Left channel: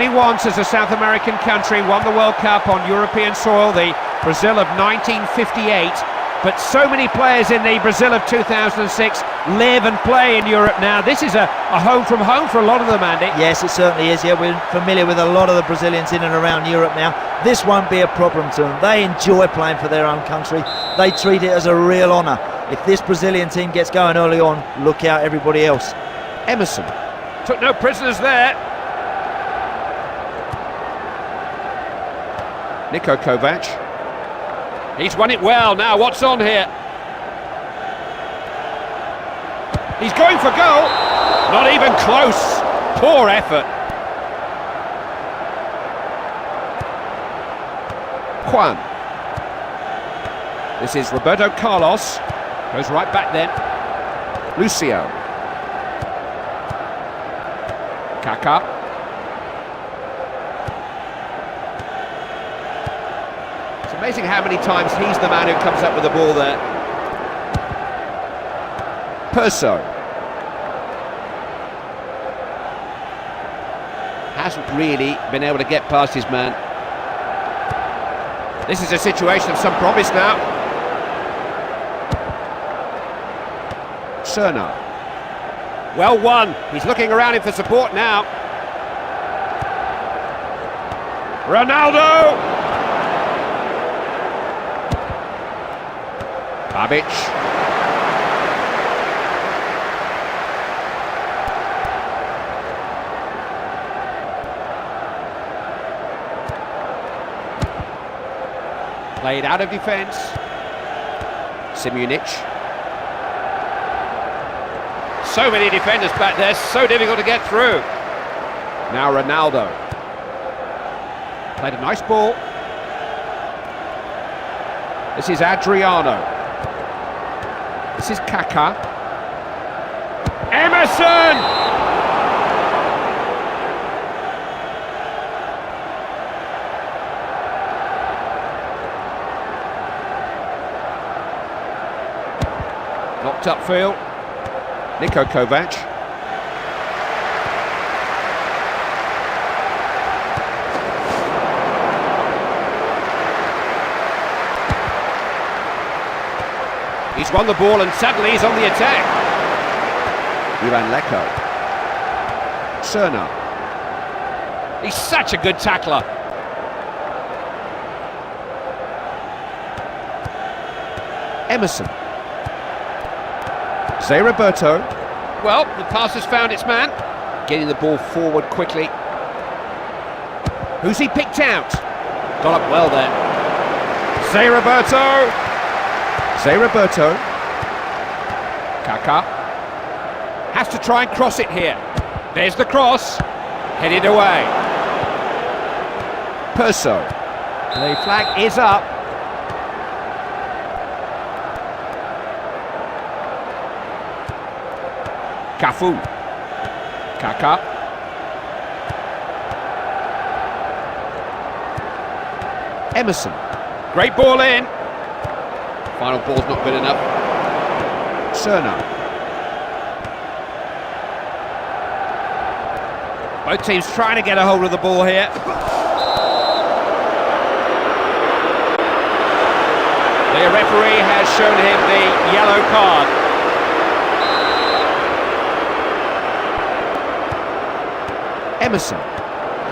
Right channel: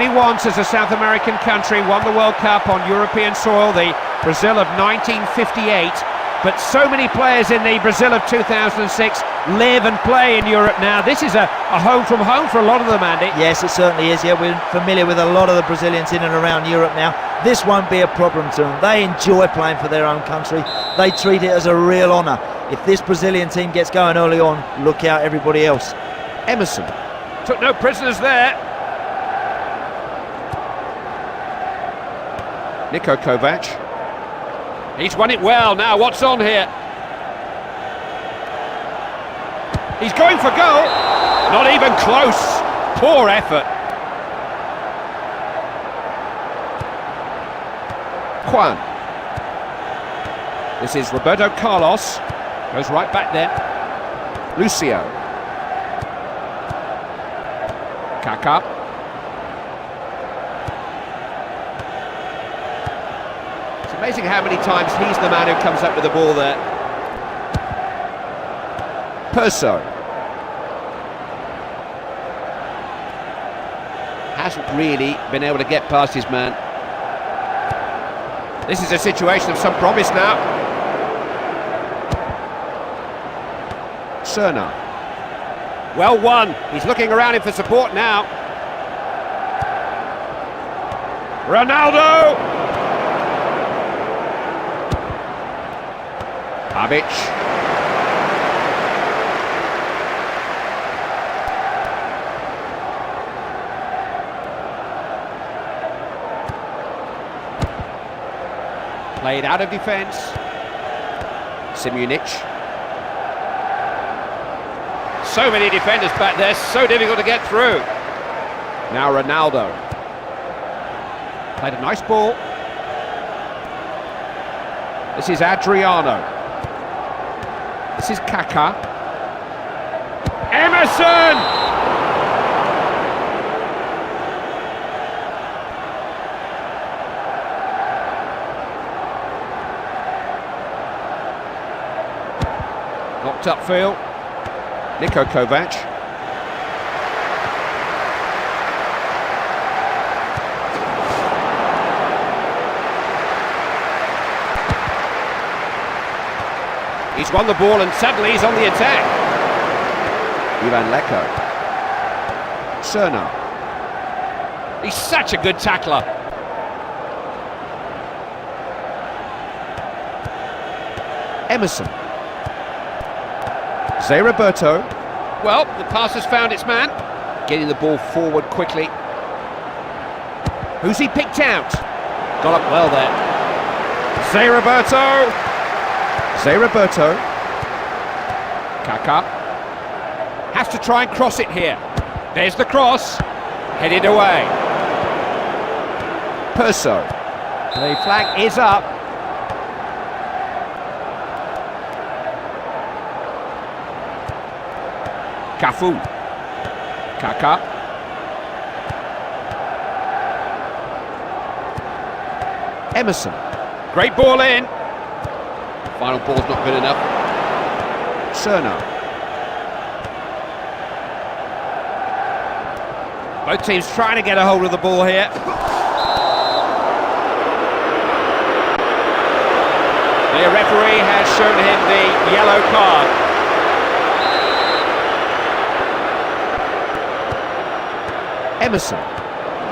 only once as a South American country won the World Cup on European soil, the Brazil of 1958. But so many players in the Brazil of 2006 live and play in Europe now. This is a home from home for a lot of them, Andy. Yes, it certainly is. Yeah, we're familiar with a lot of the Brazilians in and around Europe now. This won't be a problem to them. They enjoy playing for their own country. They treat it as a real honour. If this Brazilian team gets going early on, look out everybody else. Emerson took no prisoners there. Niko Kovac. He's won it well. Now what's on here? He's going for goal. Not even close. Poor effort. Juan. This is Roberto Carlos. Goes right back then. Lucio. Kaká. It's amazing how many times he's the man who comes up with the ball there. Perso. Hasn't really been able to get past his man. This is a situation of some promise now. Serna. Well won. He's looking around him for support now. Ronaldo! Babic. Played out of defence. Simunic. So many defenders back there, so difficult to get through. Now Ronaldo. Played a nice ball. This is Adriano. This is Kaká. Emerson! Knocked upfield. Niko Kovac. He's won the ball and suddenly he's on the attack. Ivan Leko. Serna. He's such a good tackler. Emerson. Zé Roberto. Well, the pass has found its man. Getting the ball forward quickly. Who's he picked out? Got up well there. Zé Roberto. Zé Roberto. Kaká. Has to try and cross it here. There's the cross. Headed away. Perso. The flag is up. Cafu. Kaká. Emerson. Great ball in. Final ball's not good enough. Serna. Both teams trying to get a hold of the ball here. The referee has shown him the yellow card. Emerson.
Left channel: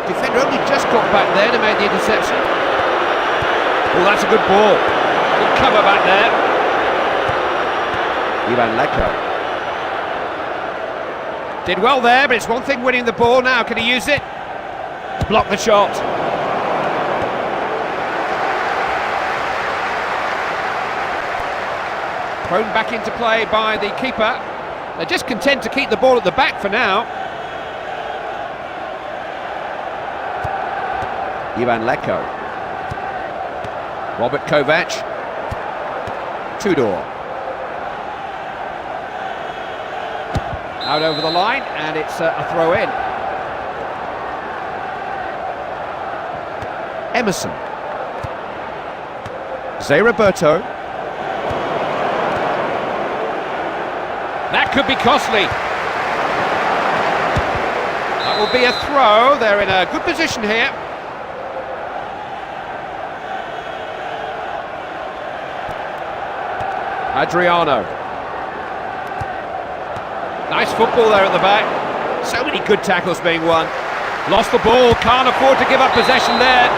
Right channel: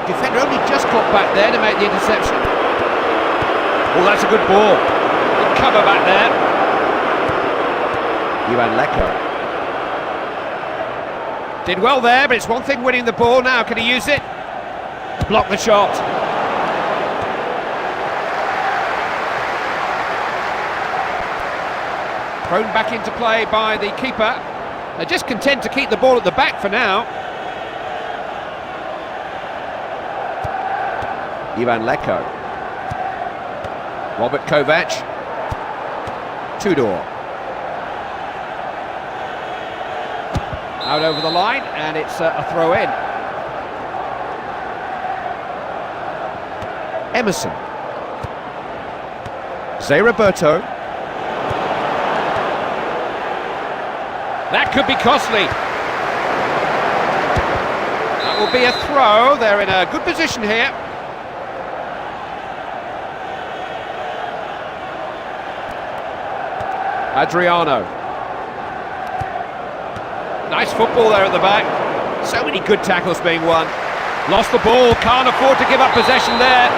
Defender only just got back there to make the interception. Oh, that's a good ball. Good cover back there. Ivan Leko. Did well there, but it's one thing winning the ball now. Can he use it? Block the shot. Thrown back into play by the keeper. They're just content to keep the ball at the back for now. Ivan Leko. Robert Kovac. Tudor. Out over the line, and it's a throw in. Emerson. Zé Roberto. That could be costly. That That will be a throw. They're in a good position here. Adriano. Nice football there at the back. So many good tackles being won. Lost the ball, can't afford to give up possession there.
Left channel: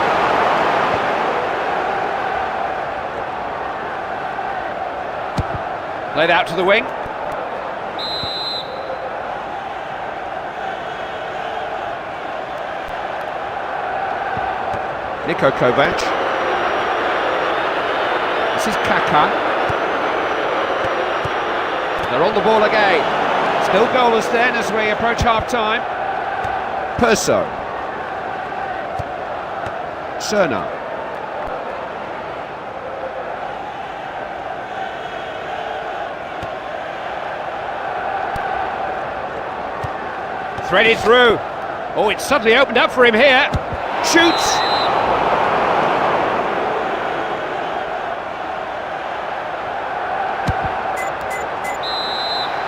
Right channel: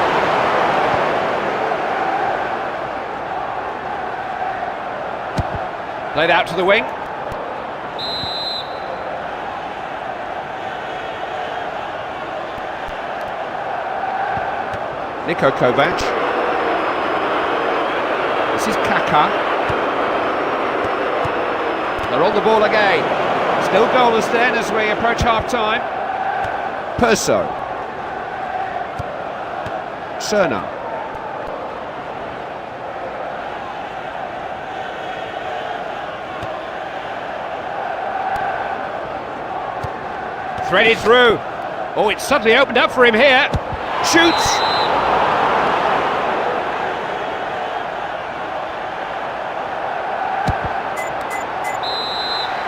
Played out to the wing. Niko Kovac. This is Kaká. They're on the ball again. Still goalless then as we approach half-time. Perso. Cerna. Threaded through. Oh, it's suddenly opened up for him here. Shoots.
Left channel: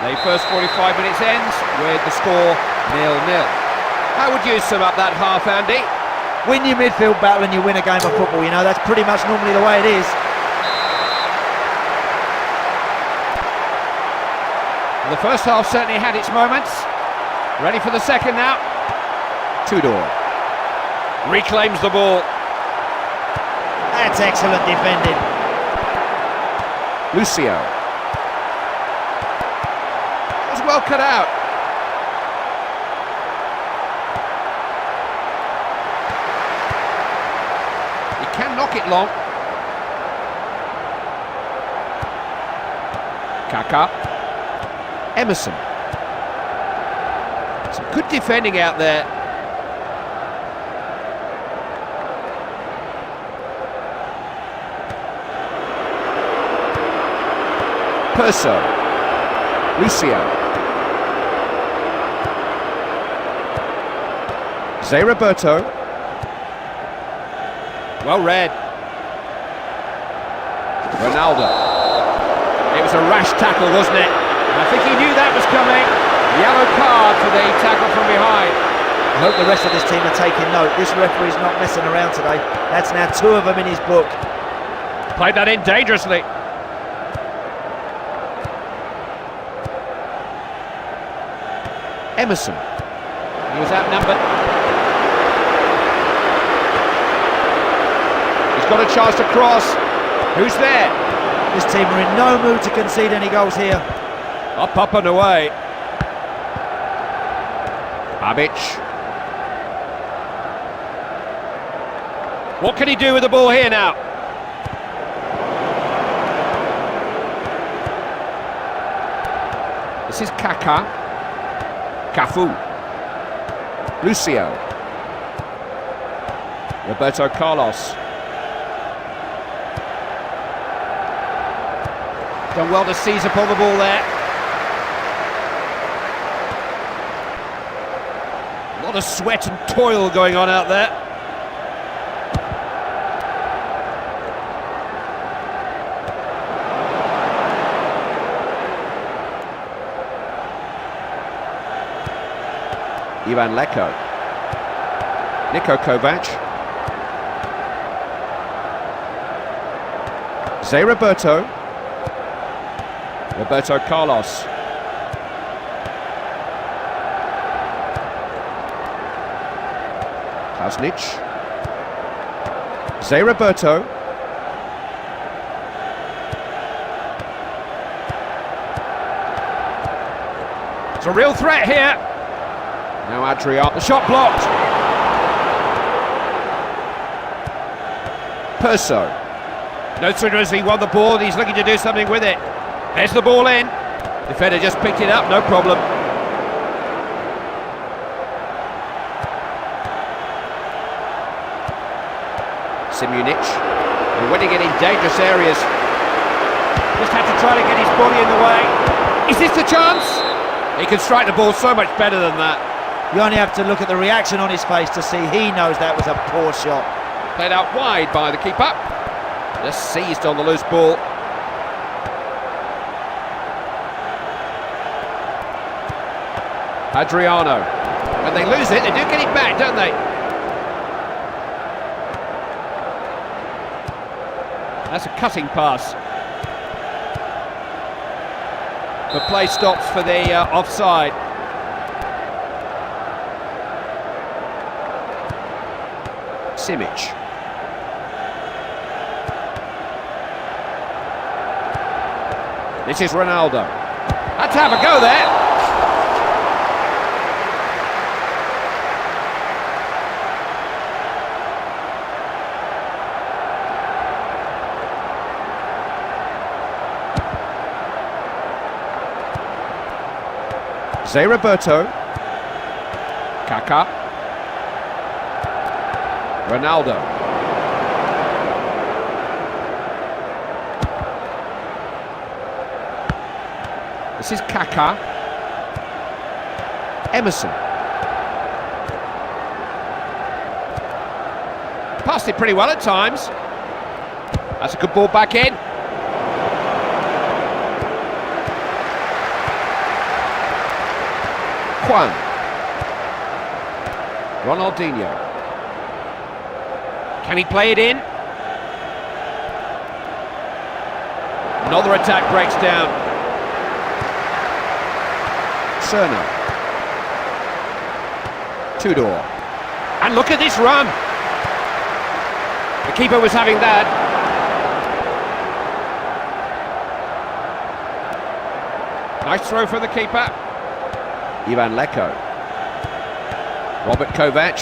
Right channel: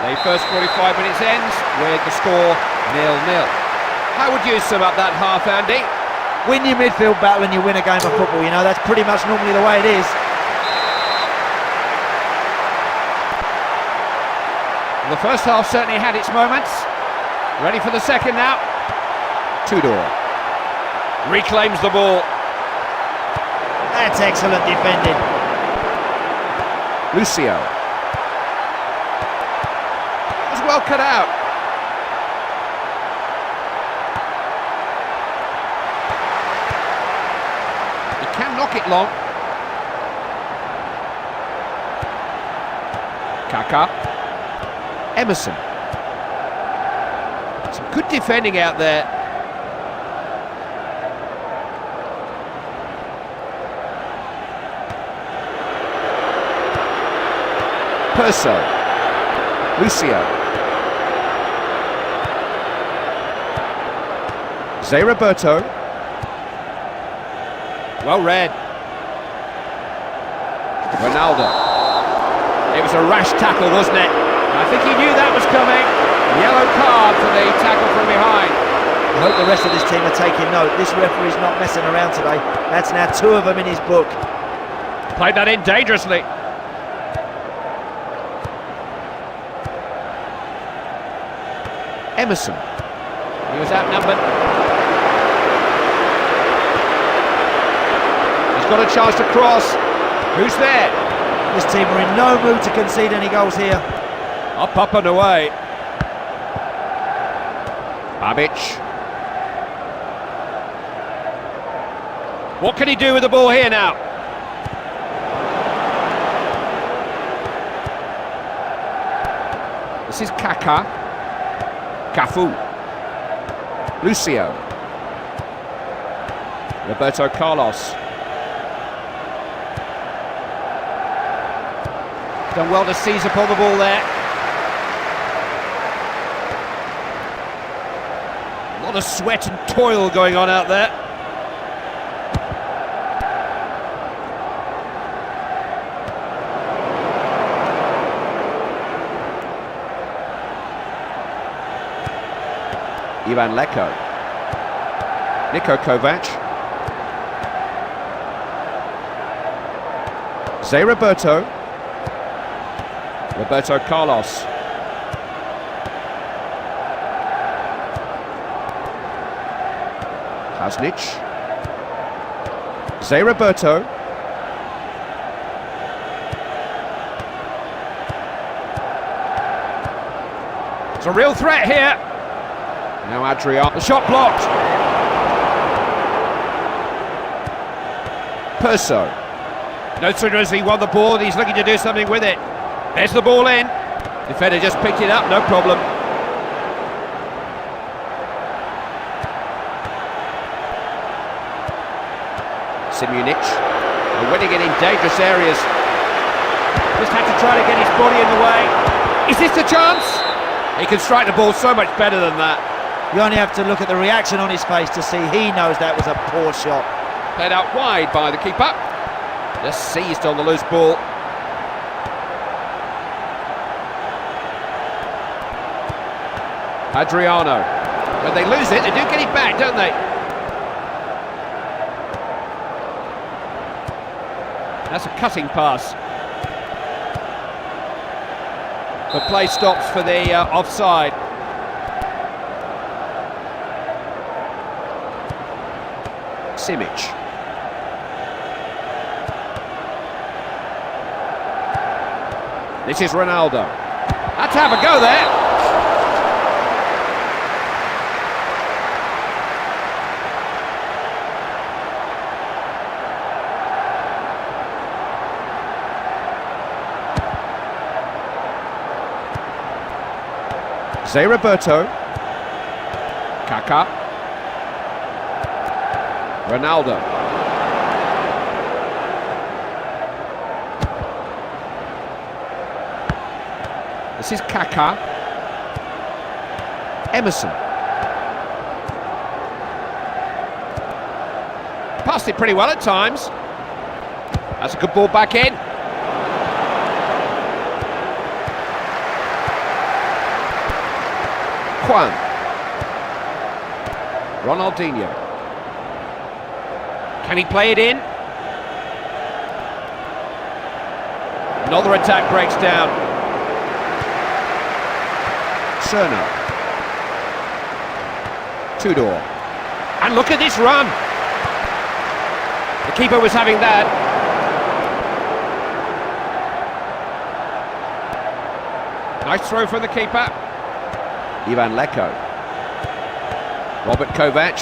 The first 45 minutes ends with the score 0-0. How would you sum up that half, Andy? Win your midfield battle and you win a game of football, you know, that's pretty much normally the way it is. Well, the first half certainly had its moments. Ready for the second now. Tudor reclaims the ball. That's excellent defending. Lucio. It was well cut out. He can knock it long. Kaká. Emerson. Some good defending out there. Perso. Lucio. Zé Roberto. Well read. Ronaldo. It was a rash tackle, wasn't it? I think he knew that was coming. Yellow card for the tackle from behind. I hope the rest of this team are taking note. This referee's not messing around today. That's now 2 of them in his book. Played that in dangerously. Emerson. He was outnumbered. He's got a chance to cross. Who's there? This team are in no mood to concede any goals here. Up, up and away. Babic. What can he do with the ball here now? This is Kaká. Cafu. Lucio. Roberto Carlos. Done well to seize upon the ball there. A lot of sweat and toil going on out there. Ivan Leko. Niko Kovac. Zé Roberto. Roberto Carlos. Klasnic. Zé Roberto. It's a real threat here. Now Adriano. The shot blocked. Perso. No sooner has he won the ball, he's looking to do something with it. There's the ball in. Defender just picked it up, no problem. Simunic. And winning it in dangerous areas. Just had to try to get his body in the way. Is this the chance? He can strike the ball so much better than that. You only have to look at the reaction on his face to see he knows that was a poor shot. Played out wide by the keeper. Just seized on the loose ball. Adriano. When they lose it, they do get it back, don't they? That's a cutting pass. But play stops for the offside. Simic. This is Ronaldo. Had to have a go there. Zé Roberto, Kaká, Ronaldo. This is Kaká, Emerson. Passed it pretty well at times. That's a good ball back in. Juan. Ronaldinho. Can he play it in? Another attack breaks down. Cerno. Tudor. And look at this run. The keeper was having that. Nice throw from the keeper. Ivan Leko. Robert Kovac.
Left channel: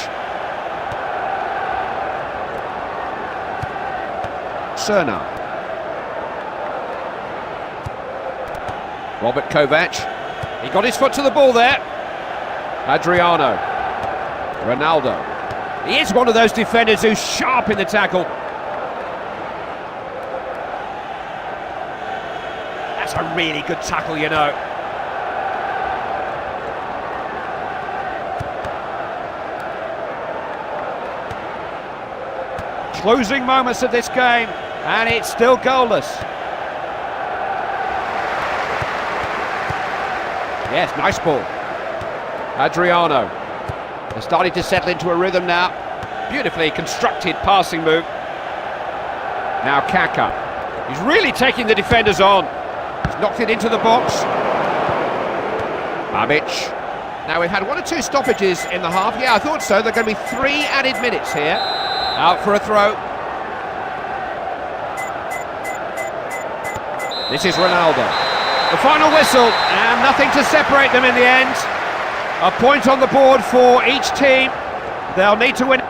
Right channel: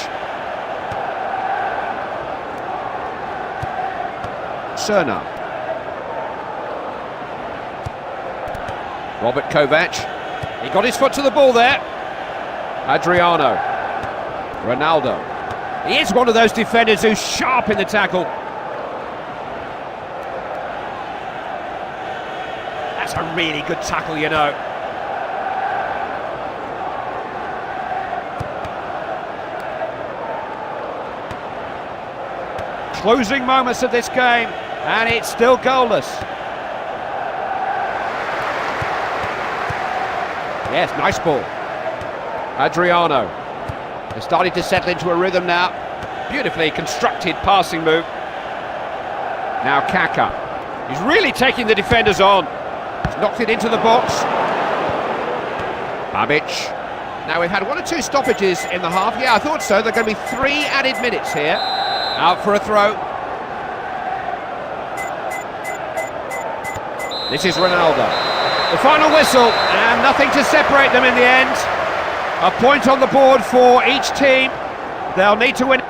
Cerno. Robert Kovac. He got his foot to the ball there. Adriano. Ronaldo. He is one of those defenders who's sharp in the tackle. That's a really good tackle, you know. Closing moments of this game, and it's still goalless. Yes, nice ball. Adriano. They're starting to settle into a rhythm now. Beautifully constructed passing move. Now Kaká. He's really taking the defenders on. He's knocked it into the box. Babic. Now we've had 1 or 2 stoppages in the half. Yeah, I thought so. There are going to be 3 added minutes here. Out for a throw. This is Ronaldo. The final whistle, and nothing to separate them in the end. A point on the board for each team. They'll need to win.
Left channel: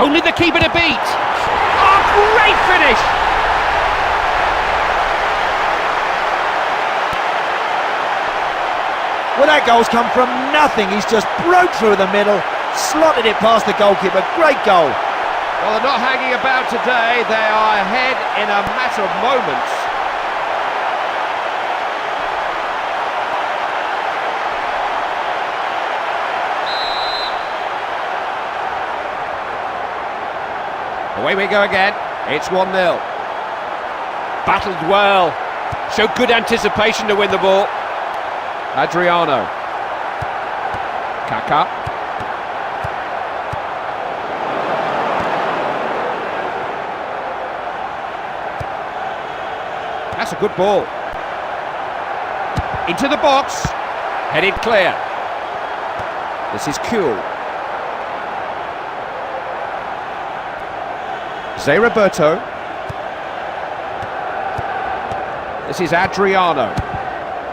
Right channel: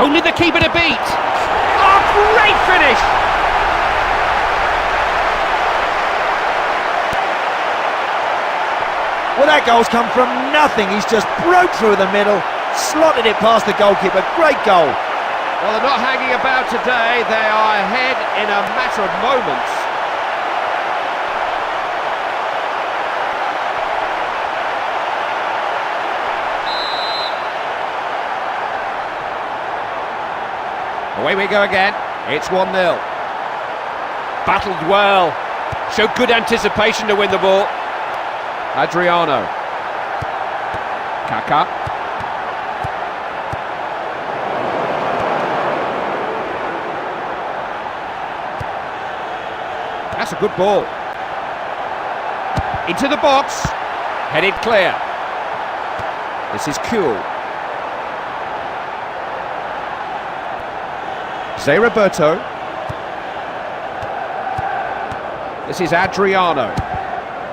Only the keeper to beat. Oh, great finish! Well, that goal's come from nothing. He's just broke through the middle, slotted it past the goalkeeper. Great goal. Well, they're not hanging about today. They are ahead in a matter of moments. Away we go again. It's 1-0. Battled well. Showed good anticipation to win the ball. Adriano. Kaká. That's a good ball. Into the box. Headed clear. This is cool. Zé Roberto. This is Adriano.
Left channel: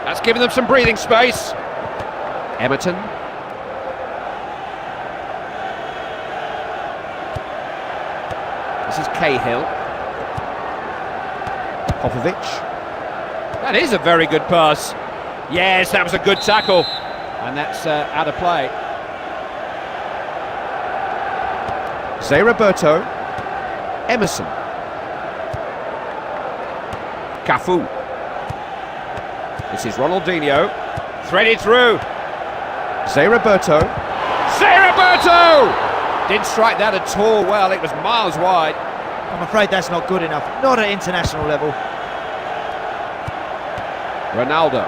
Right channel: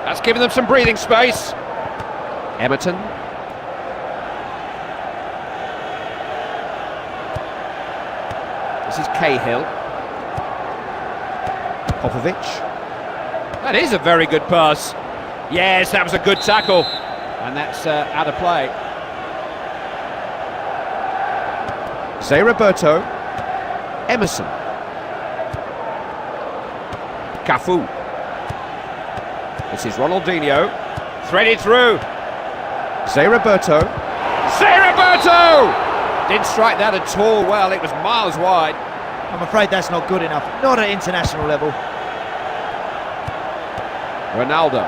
That's given them some breathing space. Emerton. This is Cahill. Popovic. That is a very good pass. Yes, that was a good tackle. And that's out of play. Zé Roberto. Emerson. Cafu. This is Ronaldinho. Threaded through. Zé Roberto. Zé Roberto! Didn't strike that at all well. It was miles wide. I'm afraid that's not good enough. Not at international level. Ronaldo.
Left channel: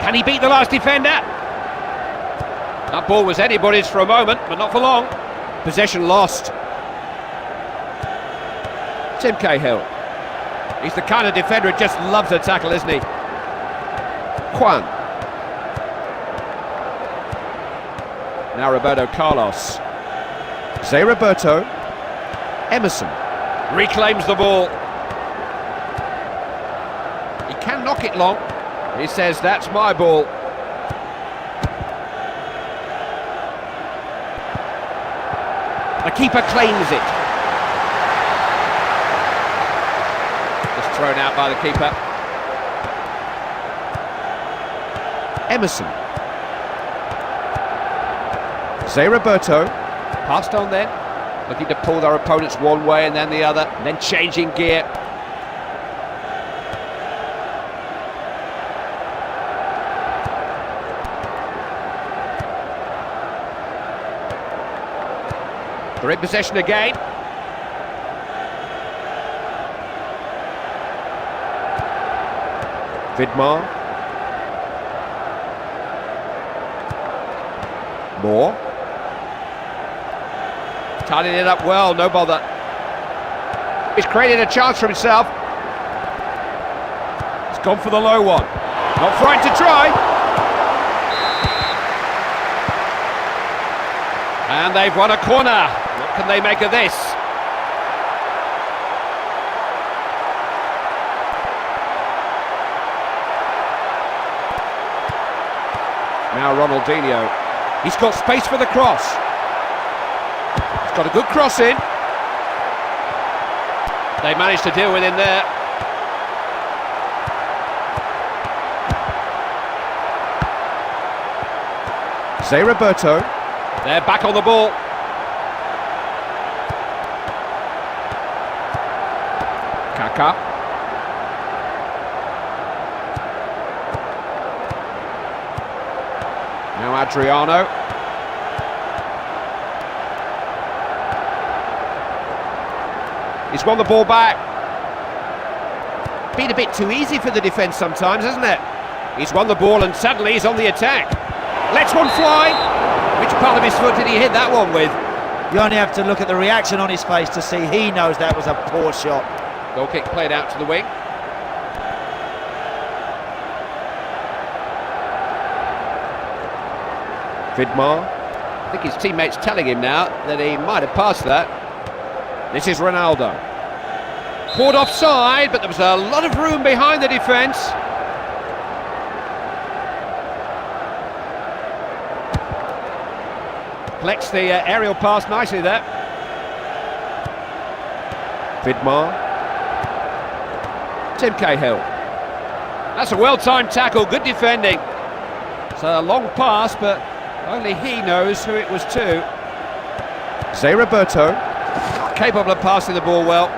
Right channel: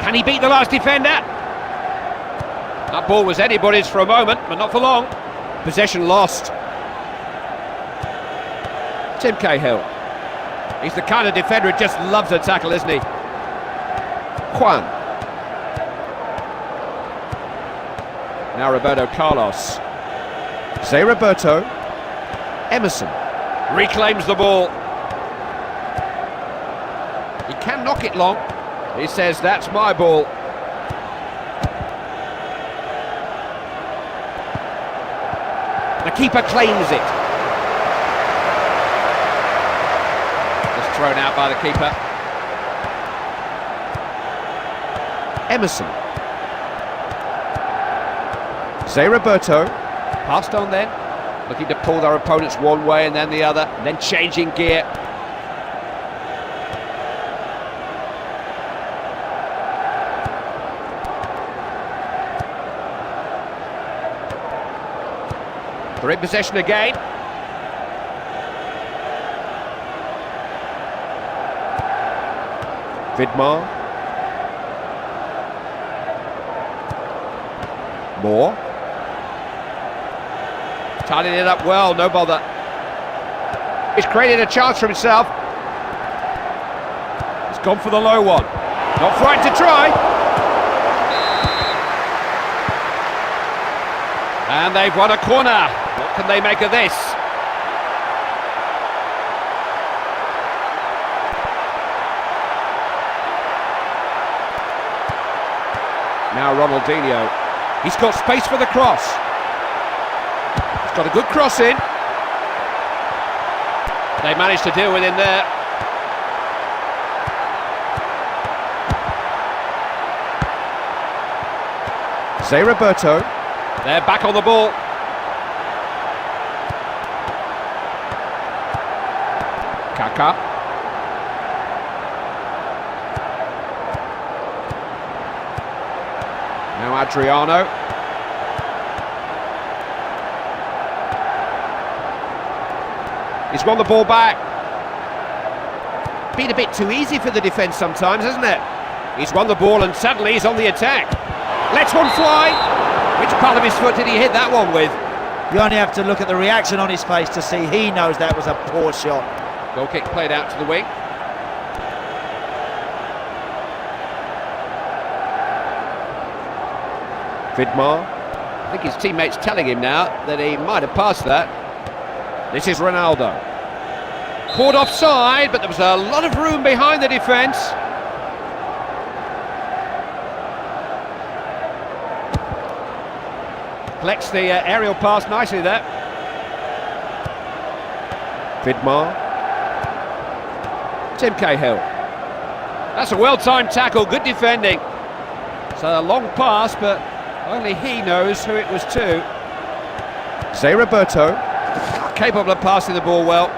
Can he beat the last defender? That ball was anybody's for a moment, but not for long. Possession lost. Tim Cahill. He's the kind of defender who just loves a tackle, isn't he? Juan. Now Roberto Carlos. Zé Roberto. Emerson. Reclaims the ball. He can knock it long. He says, that's my ball. The keeper claims it. Just thrown out by the keeper. Emerson. Zé Roberto. Passed on then. Looking to pull their opponents one way and then the other. And then changing gear. They're in possession again. Vidmar. Moore. Tidying it up well, no bother. He's created a chance for himself. He's gone for the low one. Not frightened to try. And they've won a corner. What can they make of this? Now Ronaldinho. He's got space for the cross. He's got a good cross in. They managed to deal with him there. Zé Roberto. They're back on the ball. Kaká. Now Adriano. He's won the ball back. Been a bit too easy for the defence sometimes, hasn't it? He's won the ball and suddenly he's on the attack. Lets one fly. Which part of his foot did he hit that one with? You only have to look at the reaction on his face to see he knows that was a poor shot. Goal kick played out to the wing. Vidmar. I think his teammate's telling him now that he might have passed that. This is Ronaldo. Caught offside, but there was a lot of room behind the defence. Collects the aerial pass nicely there. Vidmar. Tim Cahill. That's a well-timed tackle, good defending. It's a long pass, but only he knows who it was to. Zé Roberto. Capable of passing the ball well.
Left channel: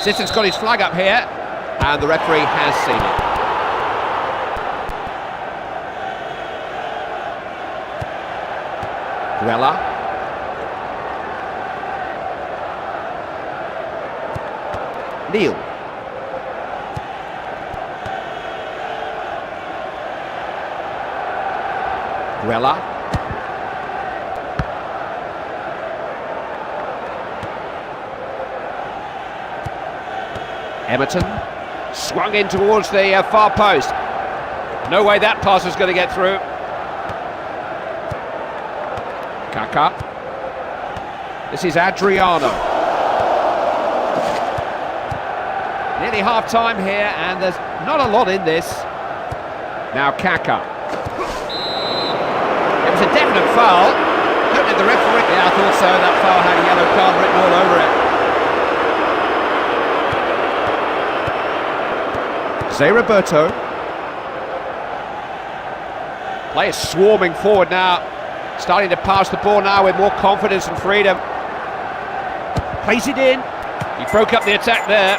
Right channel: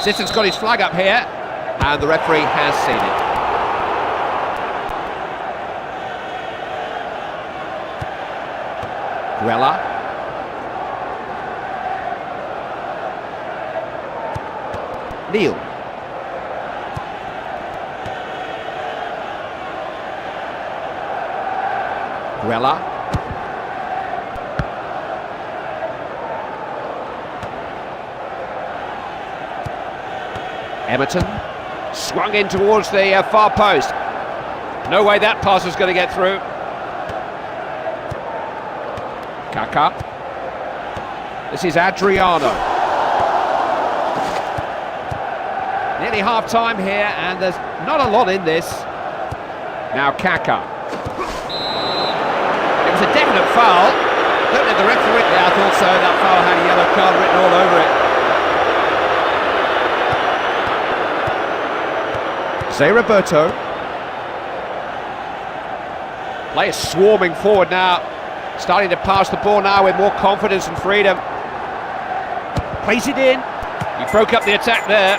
Sisson's got his flag up here, and the referee has seen it. Grella. Neil. Grella. Emerton. Swung in towards the far post. No way that pass was going to get through. Kaká. This is Adriano. Nearly half-time here, and there's not a lot in this. Now Kaká. It was a definite foul. Don't know the referee. Yeah, I thought so. That foul had a yellow card written all over it. Zé Roberto. Players swarming forward now. Starting to pass the ball now with more confidence and freedom. Plays it in. He broke up the attack there.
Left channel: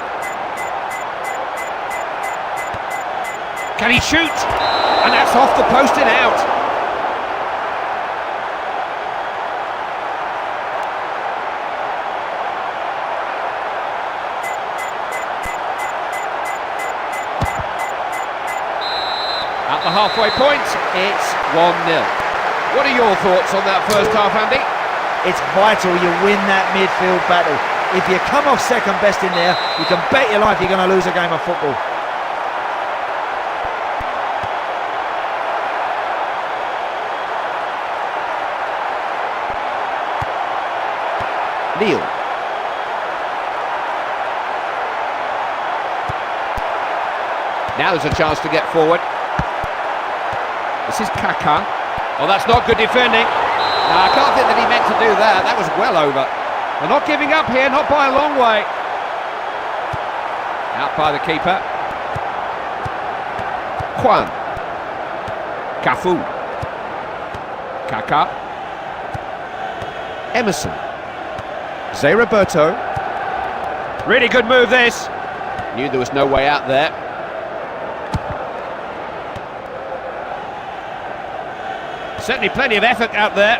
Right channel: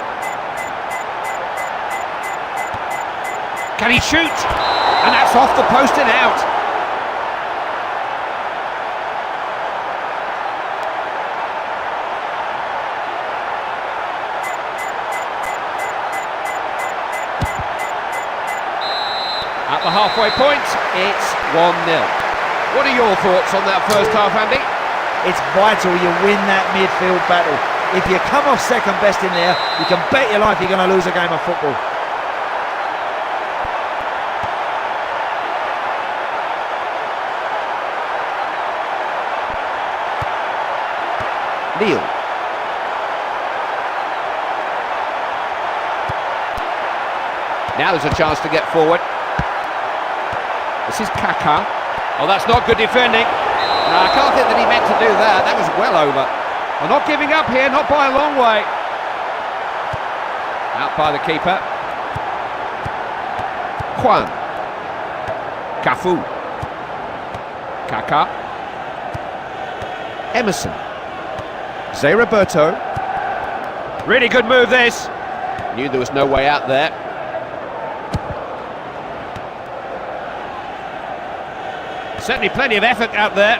Can he shoot? And that's off the post and out. At the halfway point, it's 1-0. What are your thoughts on that first half, Andy? It's vital you win that midfield battle. If you come off second best in there, you can bet your life you're going to lose a game of football. Neil. Now there's a chance to get forward. This is Kaká. Oh, that's not good defending. No, I can't think that he meant to do that. That was well over. They're not giving up here, not by a long way. Out by the keeper. Juan. Cafu. Kaká. Emerson. Zé Roberto. Really good move this. Knew there was no way out there. Certainly plenty of effort out there.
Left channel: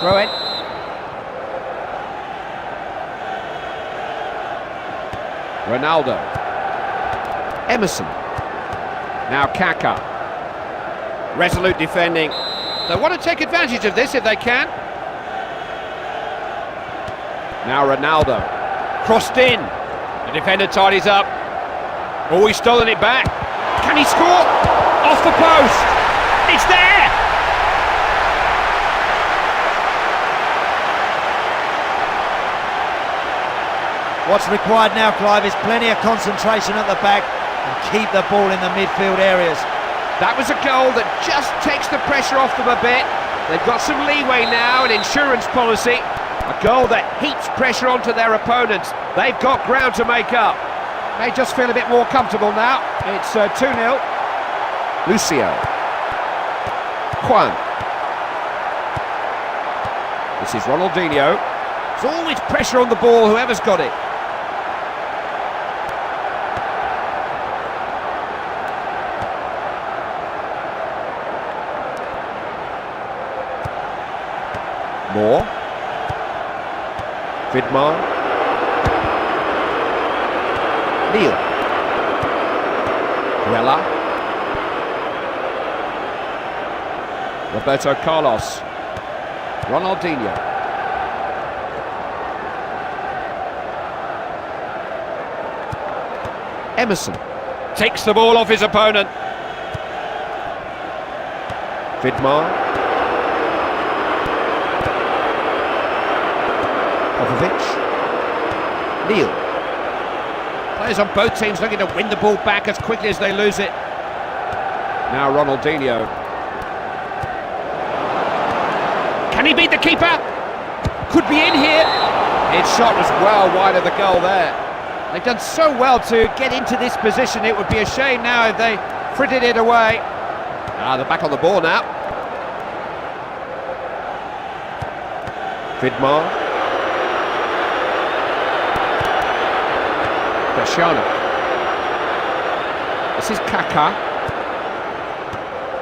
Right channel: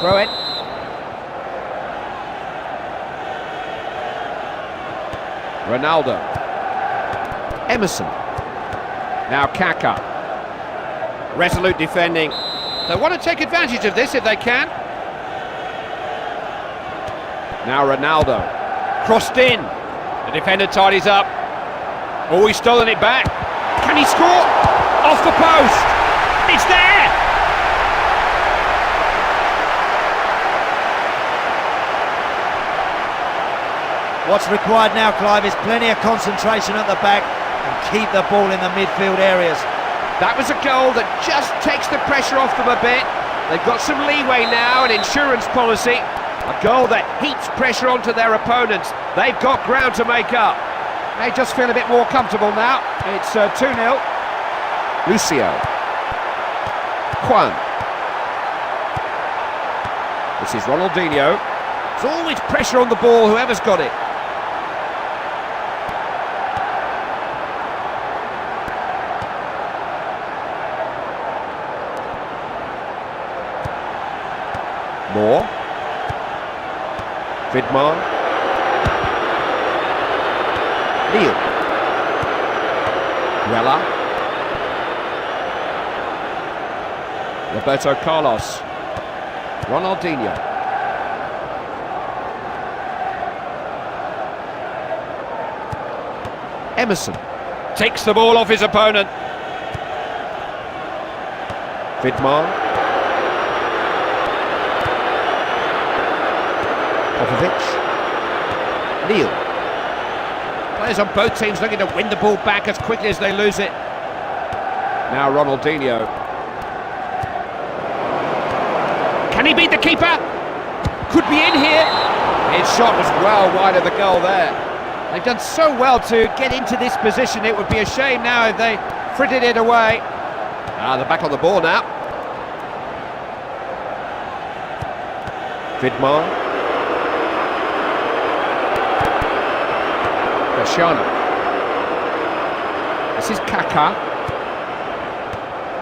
Throw it. Ronaldo. Emerson. Now Kaká. Resolute defending. They want to take advantage of this if they can. Now Ronaldo. Crossed in. The defender tidies up. Oh, he's stolen it back. Can he score? Off the post. It's there. What's required now, Clive, is plenty of concentration at the back and keep the ball in the midfield areas. That was a goal that just takes the pressure off them a bit. They've got some leeway now, an insurance policy. A goal that heaps pressure onto their opponents. They've got ground to make up. They just feel a bit more comfortable now. It's 2-0. Lucio. Juan. This is Ronaldinho. There's always pressure on the ball, whoever's got it. Moore. Vidmar. Neil. Guella. Roberto Carlos. Ronaldinho. Emerson. Takes the ball off his opponent. Vidmar. Popovic. Neil. Players on both teams looking to win the ball back as quickly as they lose it. Now Ronaldinho. Can he beat the keeper? Could be in here. His shot was well wide of the goal there. They've done so well to get into this position. It would be a shame now if they frittered it away. They're back on the ball now. Vidmar. Cristiano. This is Kaká.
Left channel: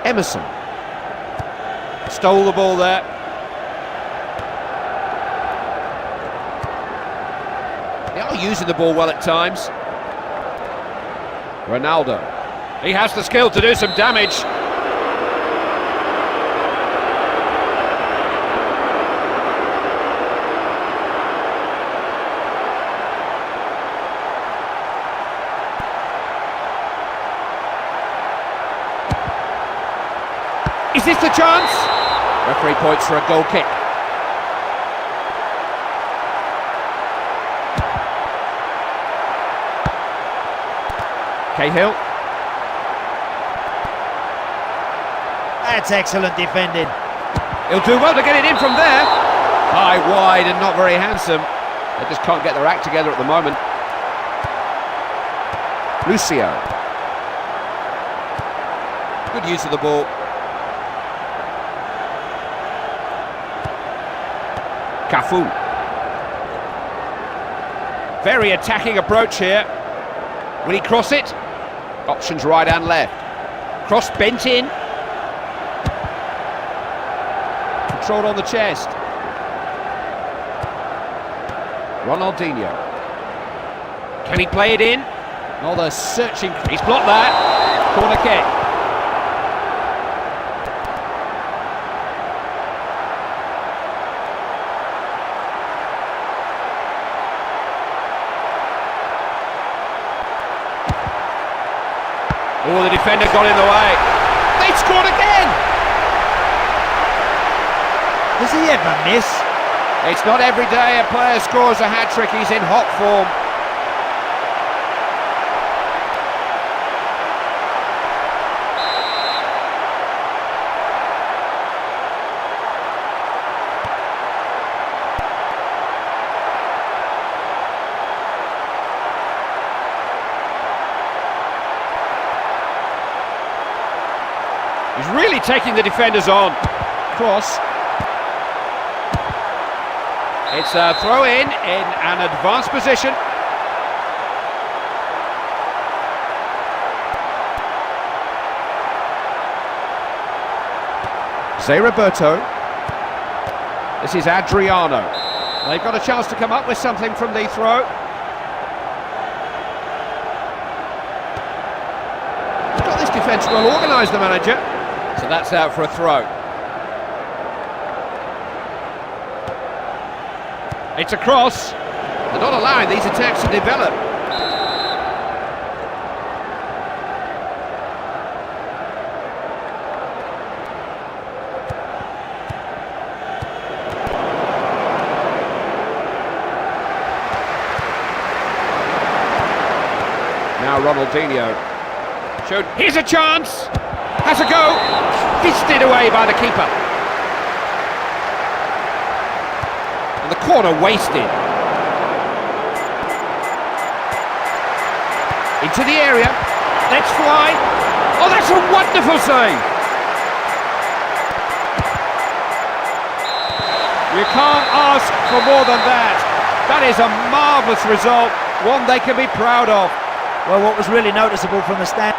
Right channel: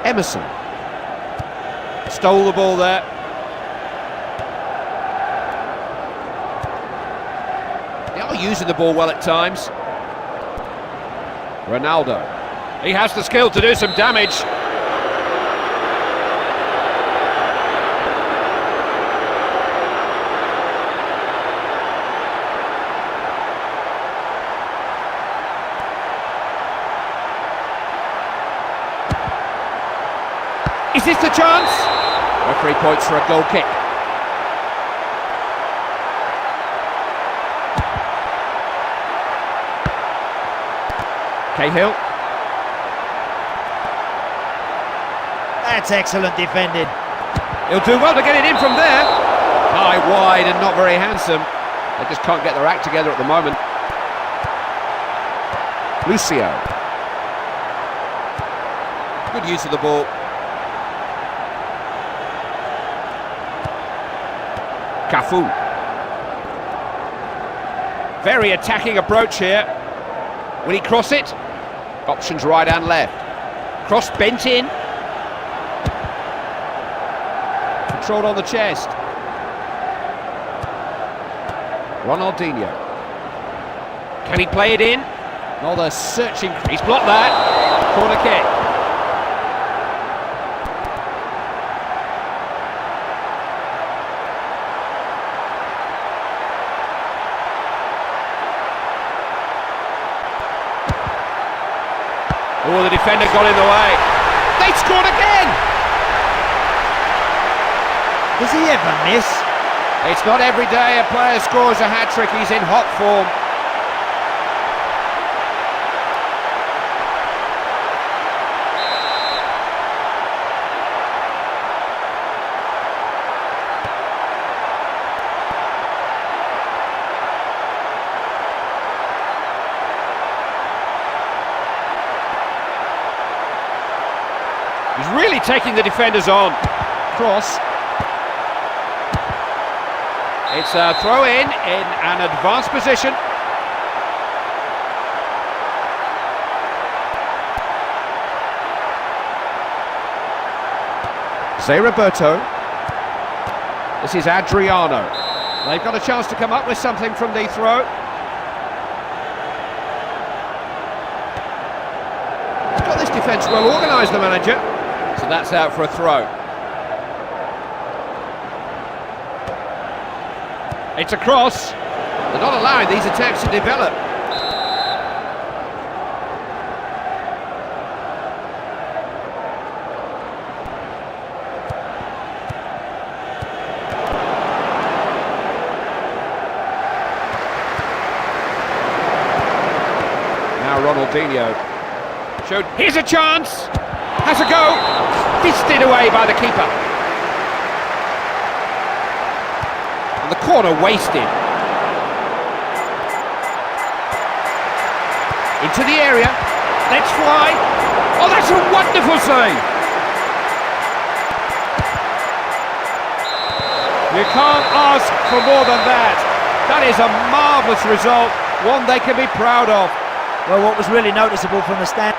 Emerson. Stole the ball there. They are using the ball well at times. Ronaldo. He has the skill to do some damage. Is this the chance? Referee points for a goal kick. Cahill. That's excellent defending. He'll do well to get it in from there. High, wide and not very handsome. They just can't get their act together at the moment. Lucio. Good use of the ball. Cafu. Very attacking approach here. Will he cross it? Options right and left. Cross bent in. Controlled on the chest. Ronaldinho. Can he play it in? No, they're searching. He's blocked that. Corner kick. Oh, the defender got in the way. They scored again! Does he ever miss? It's not every day a player scores a hat-trick. He's in hot form. He's really taking the defenders on. Cross. It's a throw in an advanced position. Zé Roberto. This is Adriano. They've got a chance to come up with something from the throw. He's got this defence well organised, the manager. So that's out for a throw. It's a cross. They're not allowing these attacks to develop. Now Ronaldinho. Showed. Here's a chance. Has a go. Fisted away by the keeper. And the corner wasted. Into the area. Let's fly. Oh, that's a wonderful save. You can't ask for more than that. That is a marvellous result, one they can be proud of. Well, what was really noticeable from the stand...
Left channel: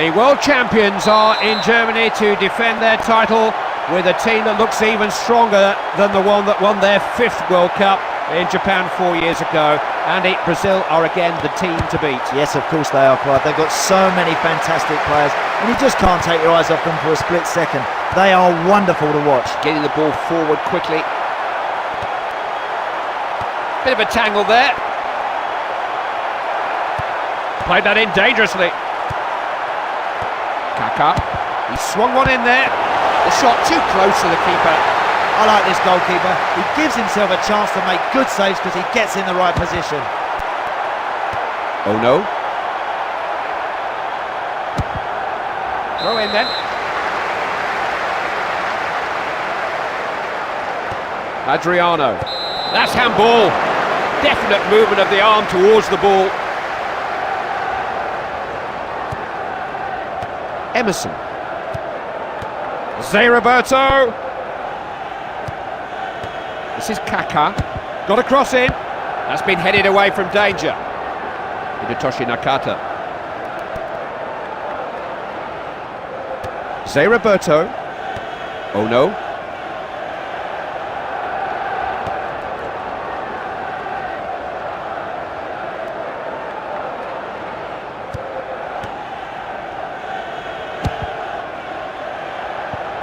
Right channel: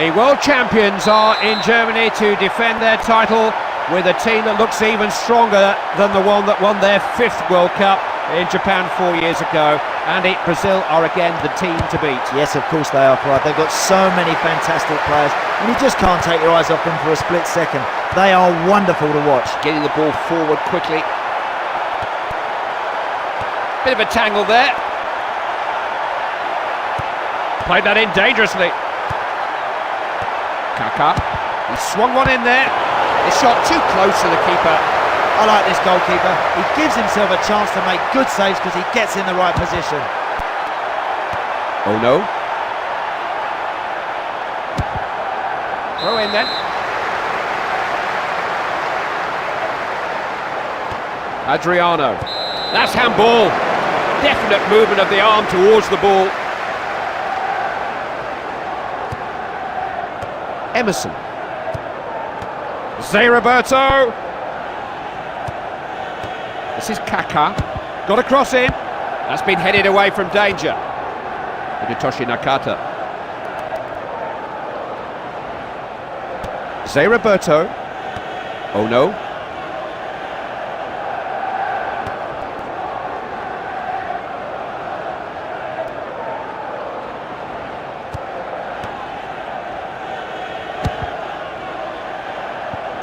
The world champions are in Germany to defend their title with a team that looks even stronger than the one that won their 5th World Cup in Japan 4 years ago. And Brazil are again the team to beat. Yes, of course they are, Clyde. They've got so many fantastic players, and you just can't take your eyes off them for a split second. They are wonderful to watch. Getting the ball forward quickly. Bit of a tangle there. Played that in dangerously. Kaká, he swung one in there. The shot too close to the keeper. I like this goalkeeper. He gives himself a chance to make good saves because he gets in the right position. Oh no. Throw in then. Adriano. That's handball. Definite movement of the arm towards the ball. Emerson. Zé Roberto. This is Kaká. Got a cross in. That's been headed away from danger. Hidetoshi Nakata. Zé Roberto. Oh no.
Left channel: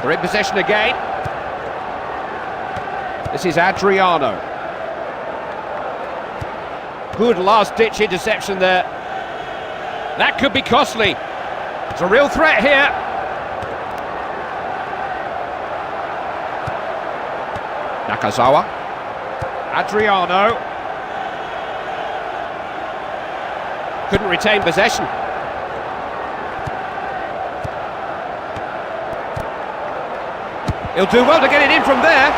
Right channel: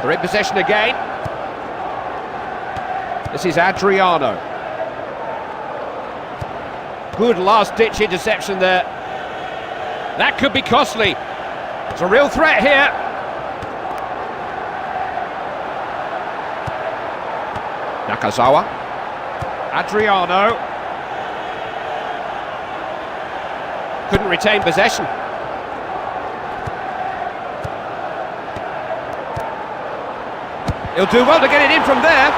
They're in possession again. This is Adriano. Good last-ditch interception there. That could be costly. It's a real threat here. Nakazawa. Adriano. Couldn't retain possession. He'll do well to get it in from there.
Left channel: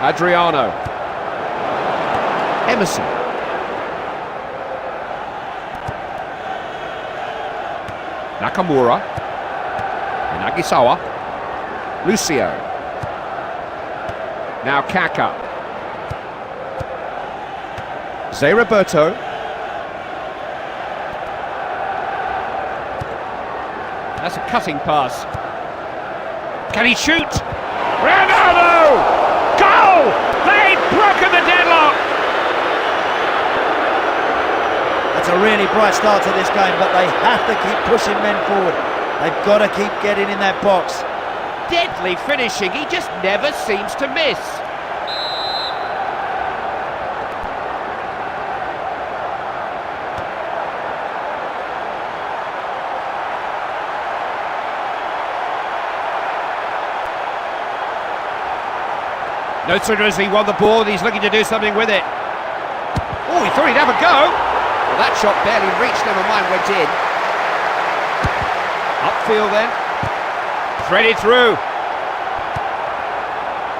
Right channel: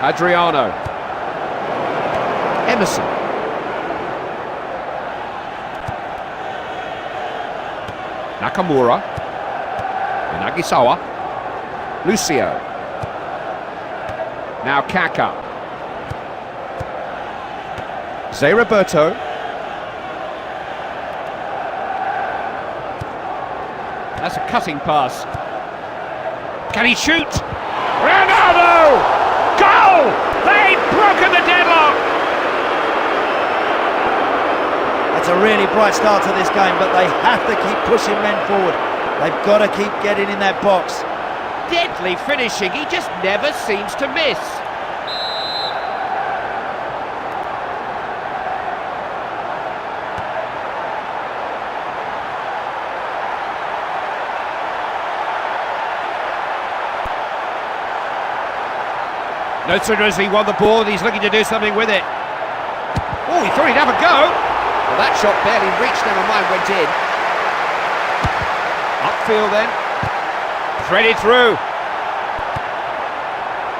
Adriano. Emerson. Nakamura. Inagisawa. Lucio. Now Kaká. Zé Roberto. That's a cutting pass. Can he shoot? Ronaldo! Goal! They've broken the deadlock! That's a really bright start to this game, but they have to keep pushing men forward. They've got to keep getting in that box. Deadly finishing, he just never seems to miss. No sooner has he won the ball, he's looking to do something with it. Oh, he thought he'd have a go. Well, that shot barely reached, never mind, went in. Upfield then. Threaded through.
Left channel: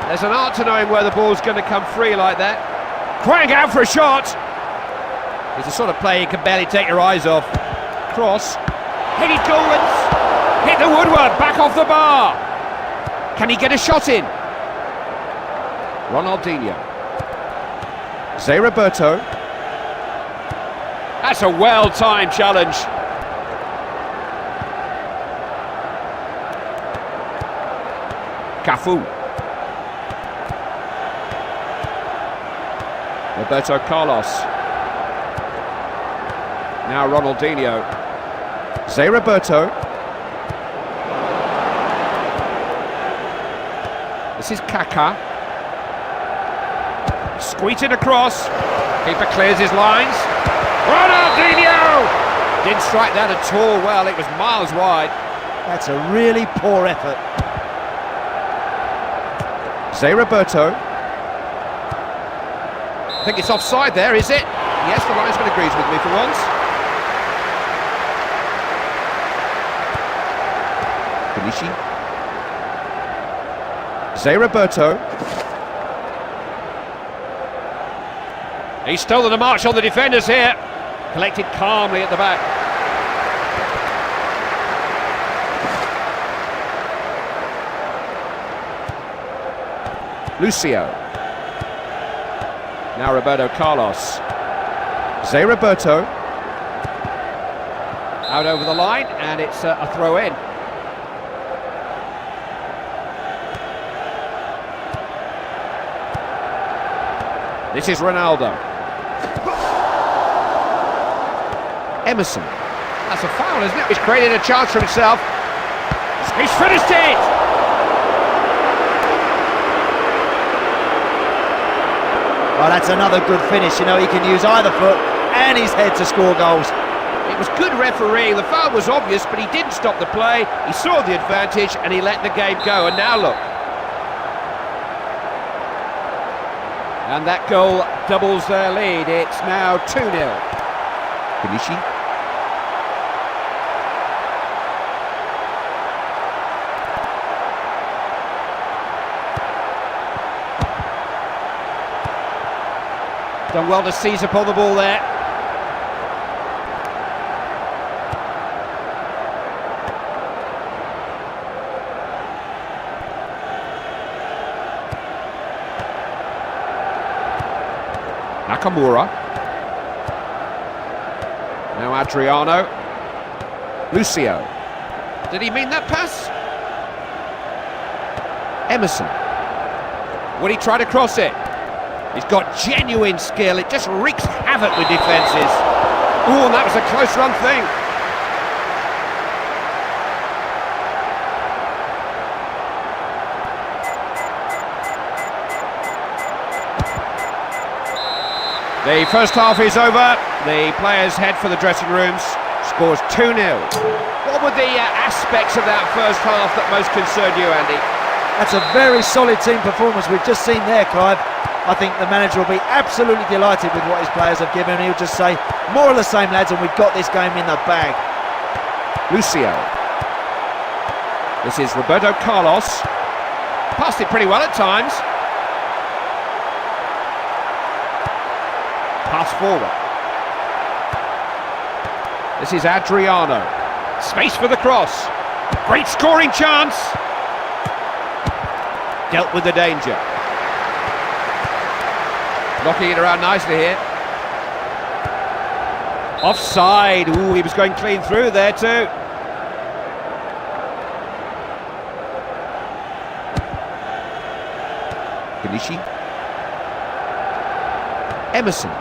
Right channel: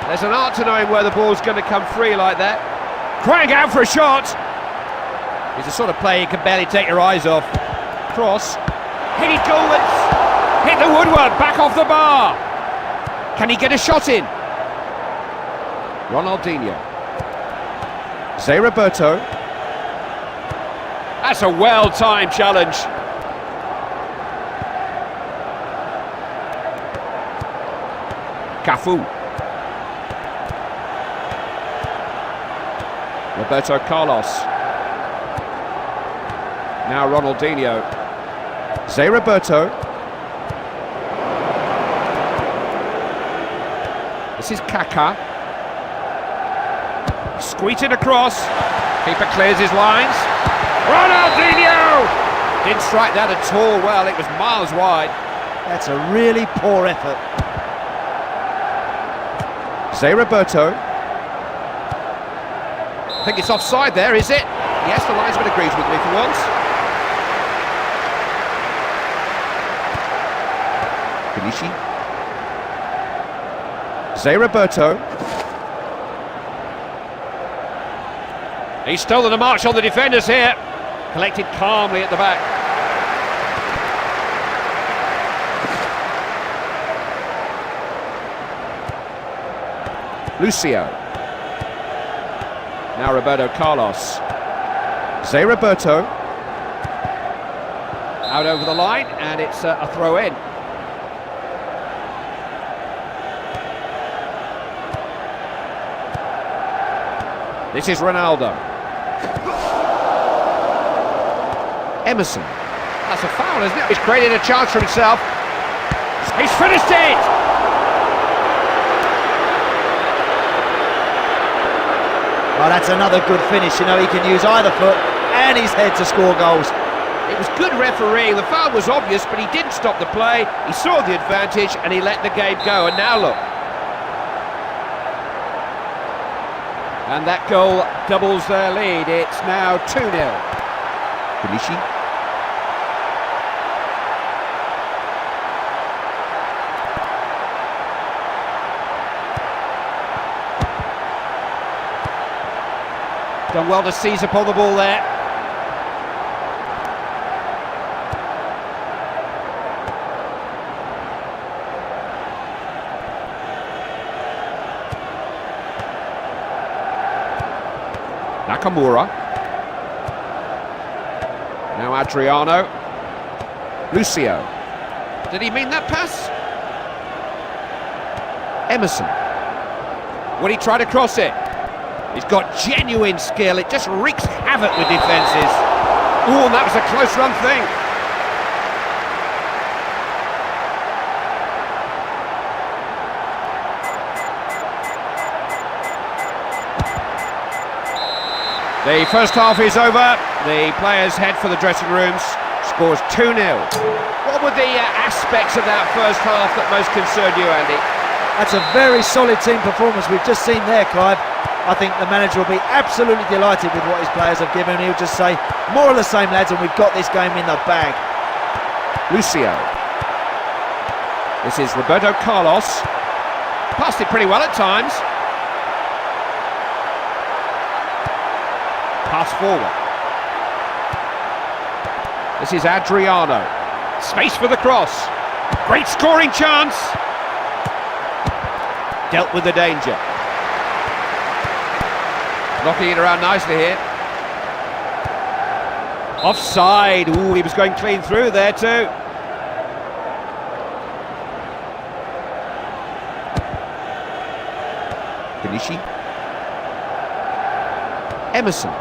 There's an art to knowing where the ball's going to come free like that. Crying out for a shot. He's the sort of player you can barely take your eyes off. Cross. Headed goalwards. Hit the woodwork, back off the bar. Can he get a shot in? Ronaldinho. Zé Roberto. That's a well-timed challenge. Cafu. Roberto Carlos. Now Ronaldinho. Zé Roberto. This is Kaká. Squeeze it across. Keeper clears his lines. Ronaldinho! Didn't strike that at all well, it was miles wide. That's a really poor effort. Zé Roberto. I think it's offside there, is it? Yes, the linesman agrees with me for once. Kenichi. Zé Roberto. He's stolen the march on the defenders here. Collected calmly at the back. Lucio. Now Roberto Carlos. Zé Roberto. Out over the line, and it's a throw in. This is Ronaldo. Emerson. That's a foul, isn't it? He's created a chance for himself. He's finished it! Well, that's another good finish. You know, he can use either foot and his head to score goals. It was good refereeing. The foul was obvious, but he didn't stop the play. He saw the advantage and he let the game go. And now look. And that goal doubles their lead. It's now 2-0. Kenichi. Done well to seize upon the ball there. Nakamura. Now Adriano. Lucio. Did he mean that pass? Emerson. Would he try to cross it? He's got genuine skill. It just wreaks havoc with defences. Oh, and that was a close run thing. The first half is over. The players head for the dressing rooms. Scores 2-0. What were the aspects of that first half that most concerned you, Andy? That's a very solid team performance we've just seen there, Clive. I think the manager will be absolutely delighted with what his players have given. He'll just say, more of the same, lads, and we've got this game in the bag. Lucio. This is Roberto Carlos. Passed it pretty well at times. Pass forward. This is Adriano. Space for the cross. Great scoring chance. Dealt with the danger. Knocking it around nicely here. Offside. Ooh, he was going clean through there too. Kanishi. Emerson.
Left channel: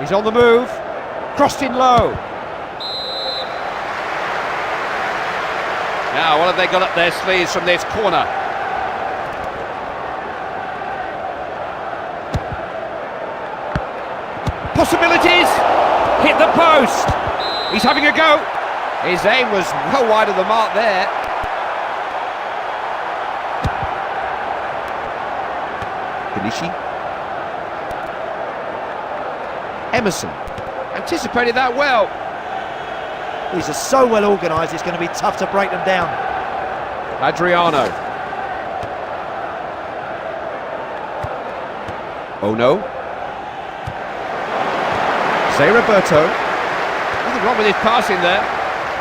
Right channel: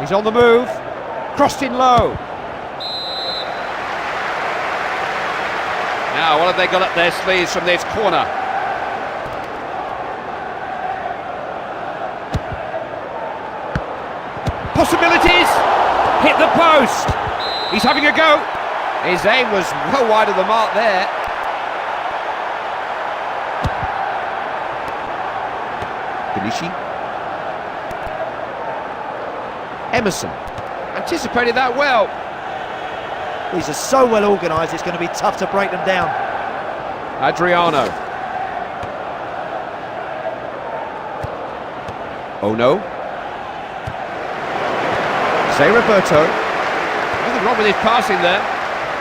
He's on the move. Crossed in low. Now, what have they got up their sleeves from this corner? Possibilities! Hit the post! He's having a go! His aim was well wide of the mark there. Kanishi. Emerson. Anticipated that well. These are so well organised, it's going to be tough to break them down. Adriano. Oh no. Zé Roberto. Nothing wrong with his passing there.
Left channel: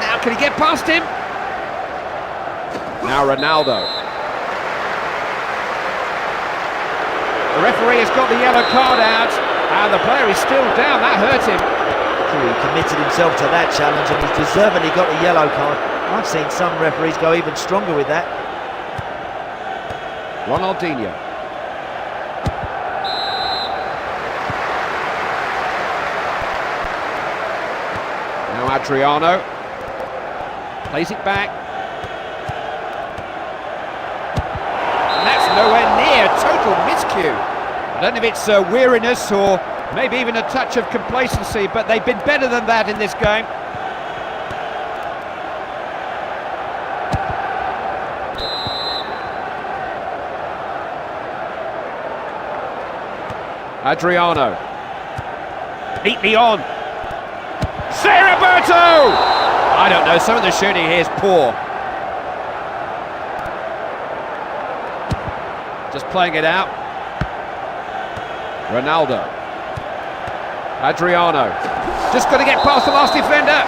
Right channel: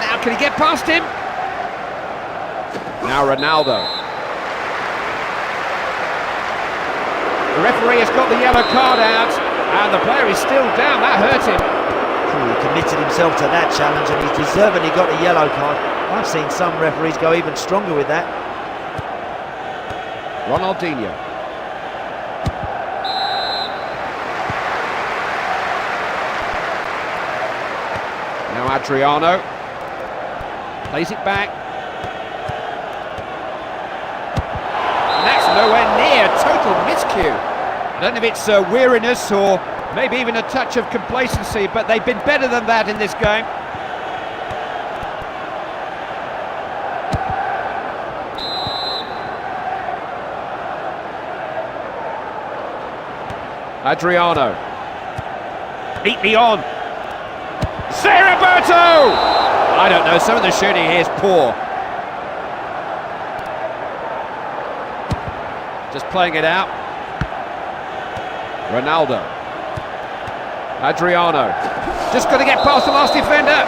Now can he get past him? Now Ronaldo. The referee has got the yellow card out and the player is still down. That hurt him. He committed himself to that challenge and he's deservedly got a yellow card. I've seen some referees go even stronger with that. Ronaldinho. Now Adriano. Plays it back. And that's nowhere near. Total miscue. I don't know if it's weariness or maybe even a touch of complacency, but they've been better than that in this game. Adriano. Neatly on. Zé Roberto! I don't know, some of the shooting here is poor. Just playing it out. Ronaldo. Adriano. Just got to get past the last defender.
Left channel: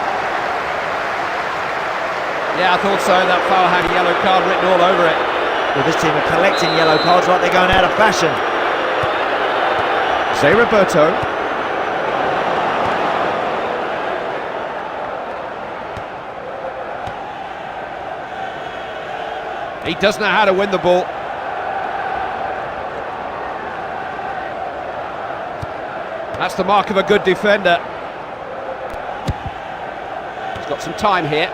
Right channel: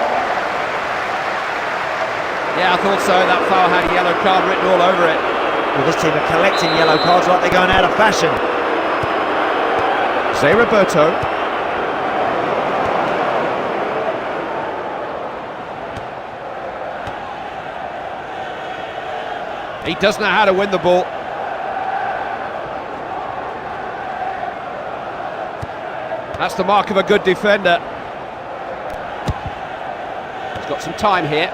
Yeah, I thought so. That foul had a yellow card written all over it. Well, this team are collecting yellow cards like they're going out of fashion. Zé Roberto. He does know how to win the ball. That's the mark of a good defender. He's got some time here.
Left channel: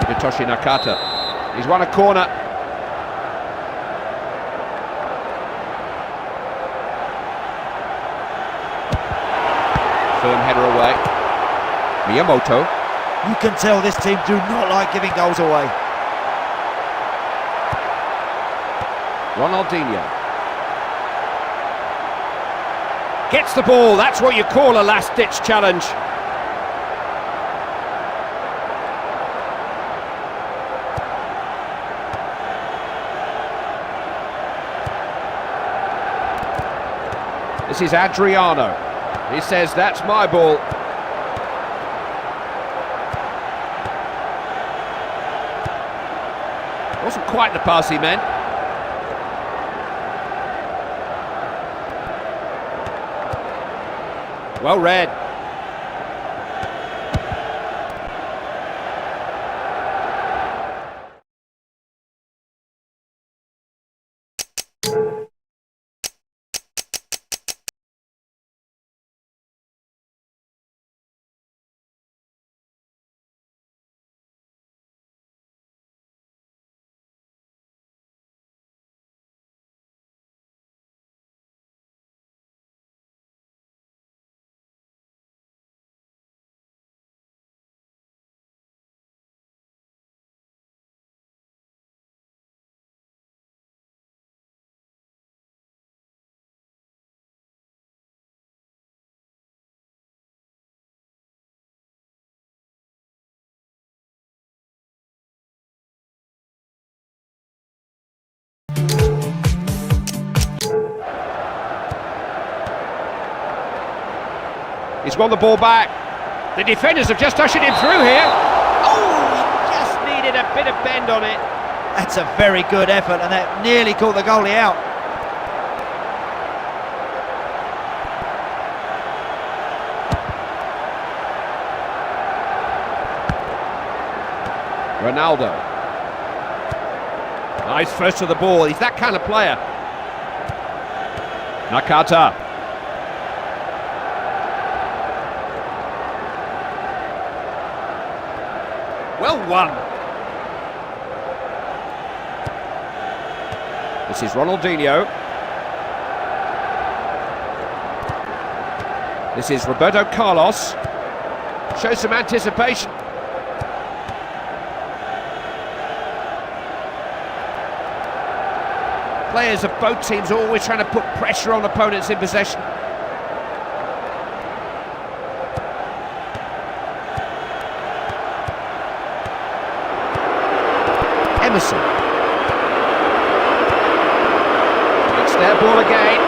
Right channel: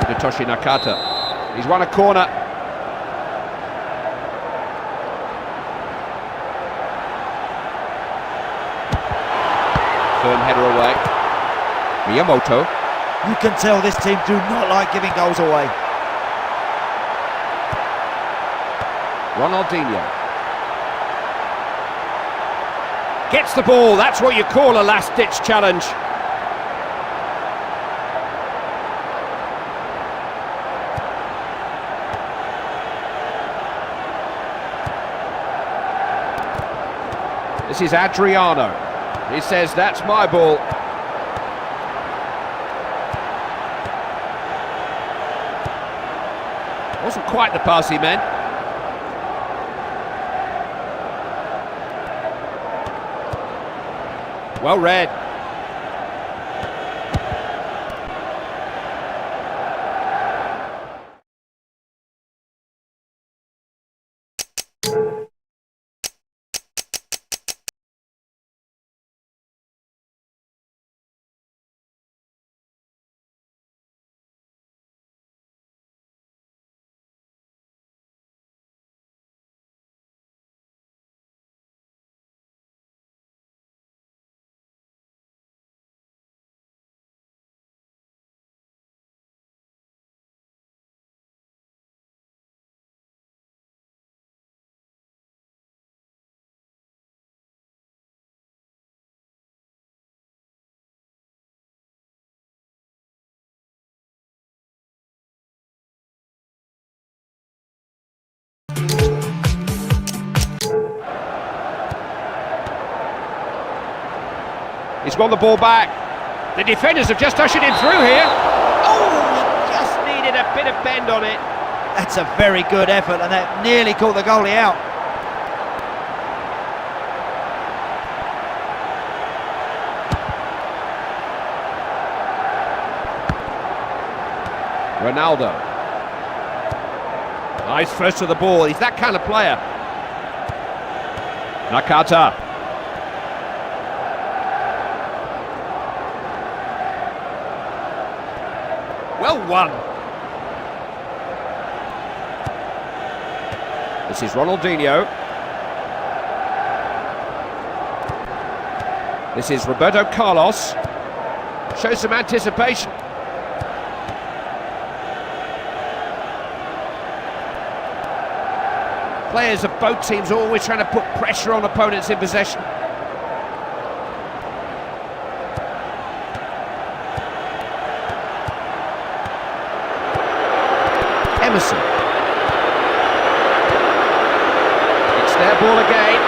Hidetoshi Nakata. He's won a corner. Firm header away. Miyamoto. You can tell this team do not like giving goals away. Ronaldinho. Gets the ball, that's what you call a last-ditch challenge. This is Adriano. He says, that's my ball. Wasn't quite the pass he meant. Well read. He's won the ball back. The defenders have just ushered him through here. Oh, he just needed a bit of bend on it. That's a very good effort, and that nearly caught the goalie out. Ronaldo. Nice first to the ball. He's that kind of player. Nakata. Well won. This is Ronaldinho. This is Roberto Carlos. Shows some anticipation. Players of both teams always trying to put pressure on opponents in possession. Emerson. It's their ball again.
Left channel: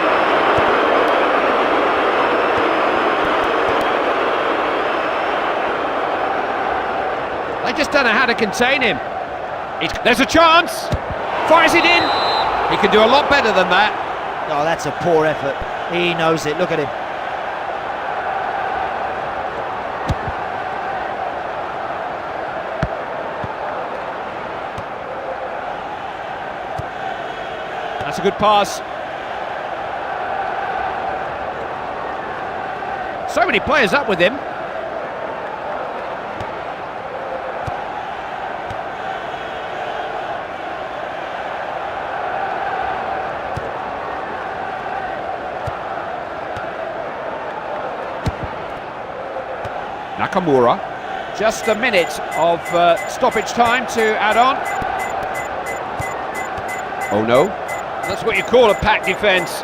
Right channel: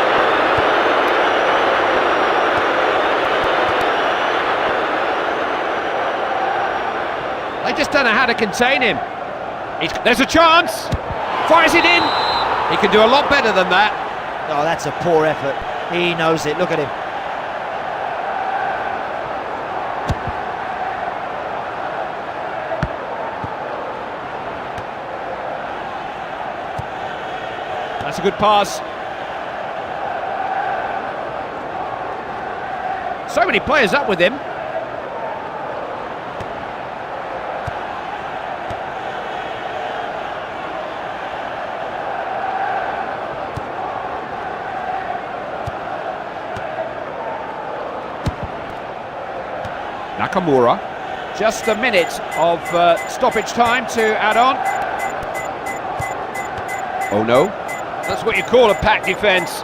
They just don't know how to contain him. There's a chance. Fires it in. He can do a lot better than that. Oh, that's a poor effort. He knows it. Look at him. That's a good pass. So many players up with him. Nakamura. Just a minute of stoppage time to add on. Oh no. That's what you call a packed defence.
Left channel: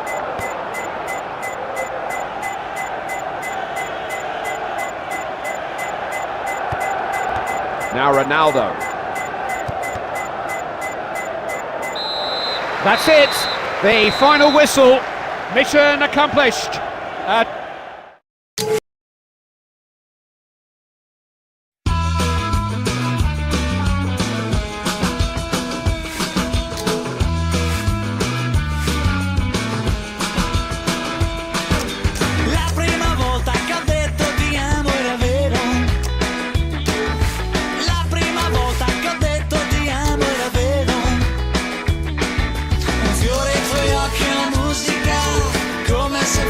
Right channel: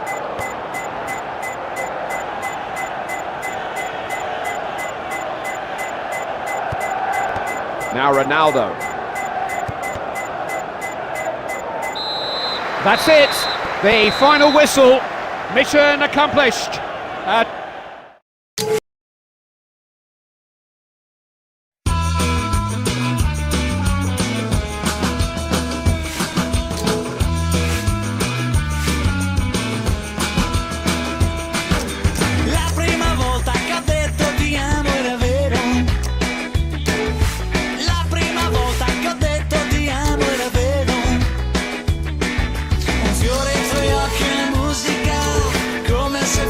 Now Ronaldo. That's it. The final whistle. Mission accomplished.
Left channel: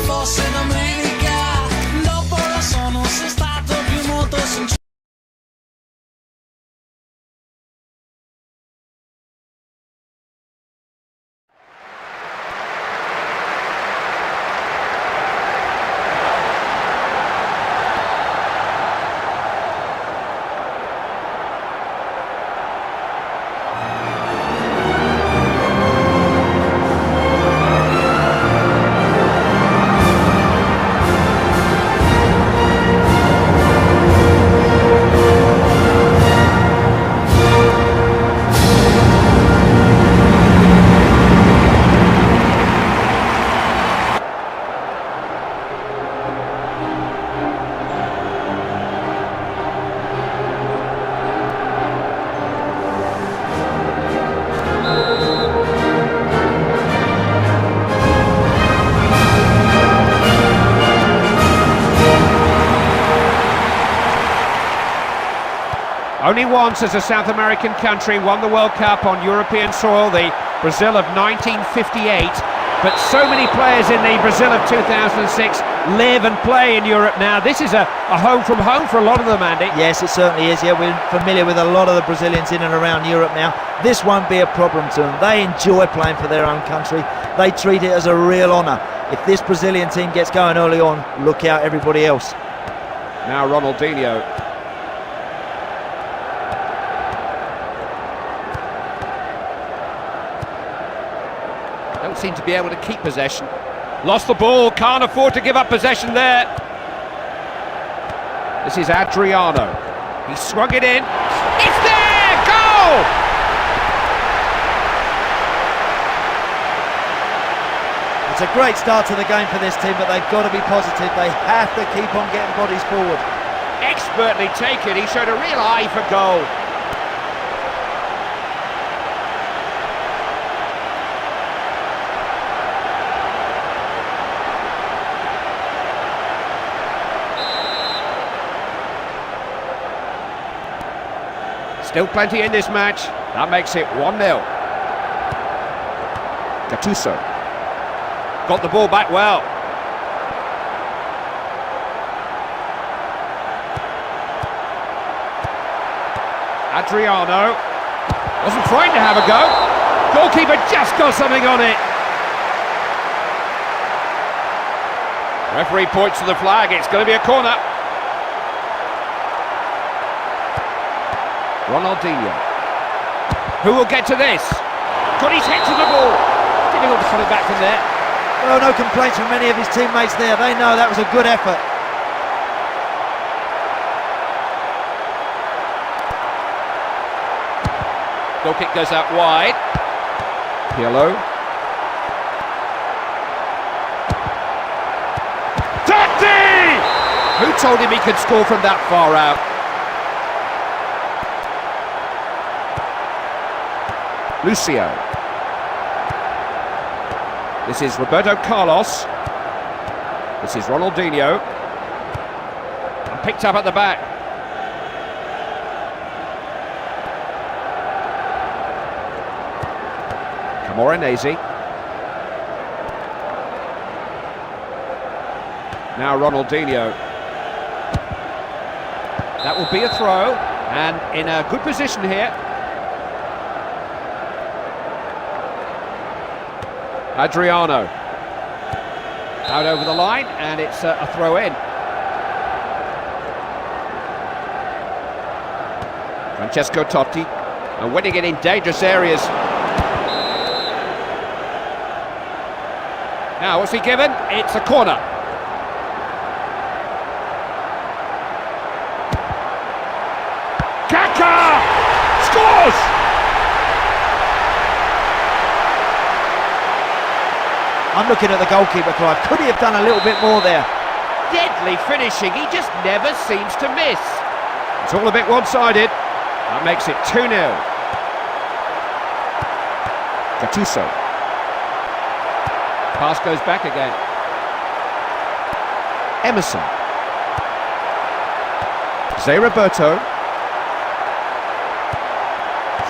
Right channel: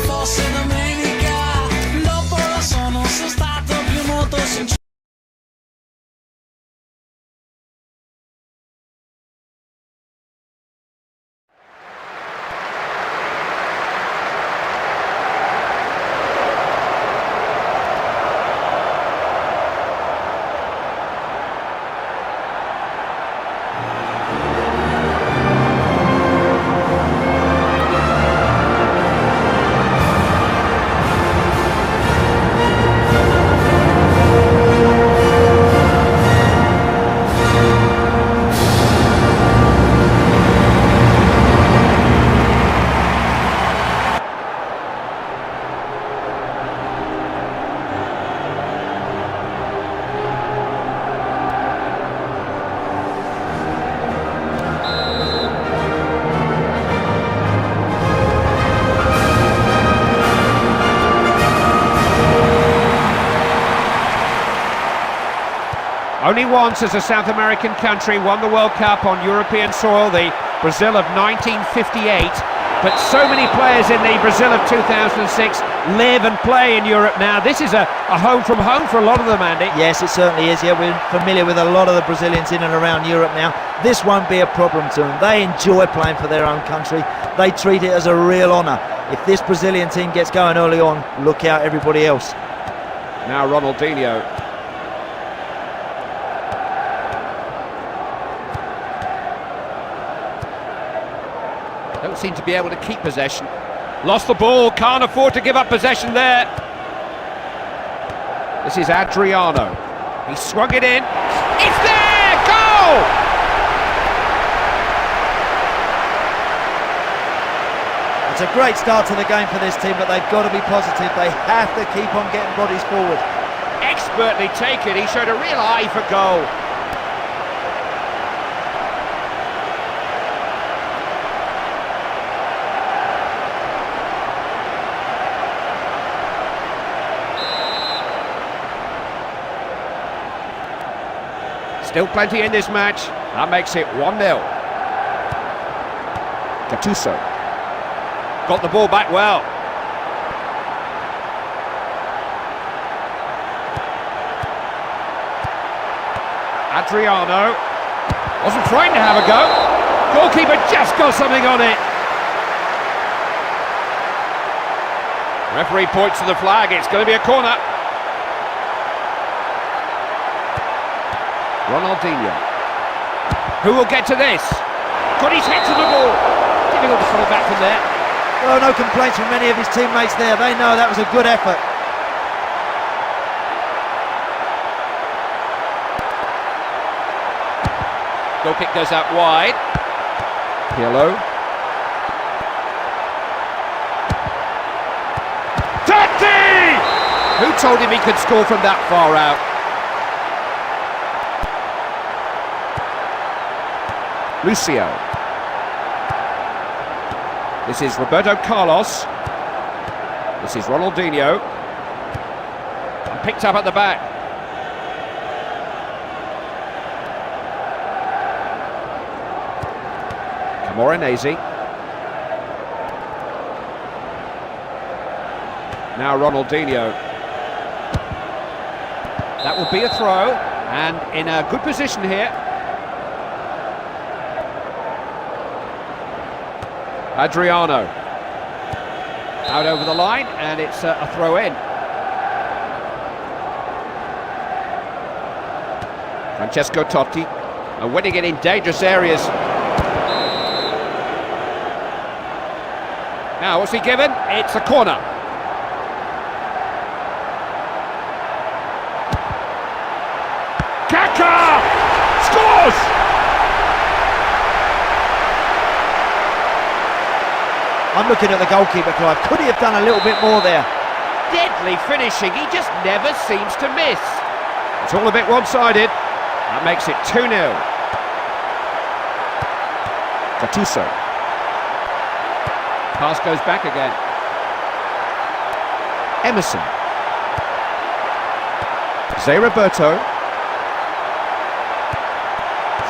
Fosse domenica Only once has a South American country won the World Cup on European soil, the Brazil of 1958. But so many players in the Brazil of 2006 live and play in Europe now. This is a home from home for a lot of them, Andy. Yes, it certainly is. Yeah, we're familiar with a lot of the Brazilians in and around Europe now. This won't be a problem to them. They enjoy playing for their own country. They treat it as a real honour. If this Brazilian team gets going early on, look out everybody else. Now Ronaldinho. Don't seem to be able to keep possession. Lost the ball, can't afford to give up possession there. This is Adriano. He swung it in. It's there! Goal! It's a great start to the game for this team, but they've got to be positive. They have to keep on getting bodies forward. Expertly taken. He showed a real eye for goal. Still plenty in this match. That makes it 1-0. Gattuso. Got the ball back well. Adriano. Wasn't frightened to have a go. Goalkeeper just got something on it. Referee points to the flag. It's going to be a corner. Ronaldinho. Who will get to this? Got his head to the ball. Difficult to put it back from there. Well, no complaints from many of his teammates there. They know that was a good effort. Goal kick goes out wide. Pirlo. Totti! Who told him he could score from that far out? Lucio. This is Roberto Carlos. This is Ronaldinho. And picked up at the back. Camoranesi. Now Ronaldinho. That will be a throw, and in a good position here. Adriano. Out over the line, and it's a throw in. Francesco Totti, and winning it in dangerous areas. Now, what's he given? It's a corner. Kaká scores! I'm looking at the goalkeeper, Clive. Could he have done a little bit more there? Deadly finishing. He just never seems to miss. It's all a bit one-sided. That makes it 2-0. Gattuso. Pass goes back again. Emerson. Zé Roberto.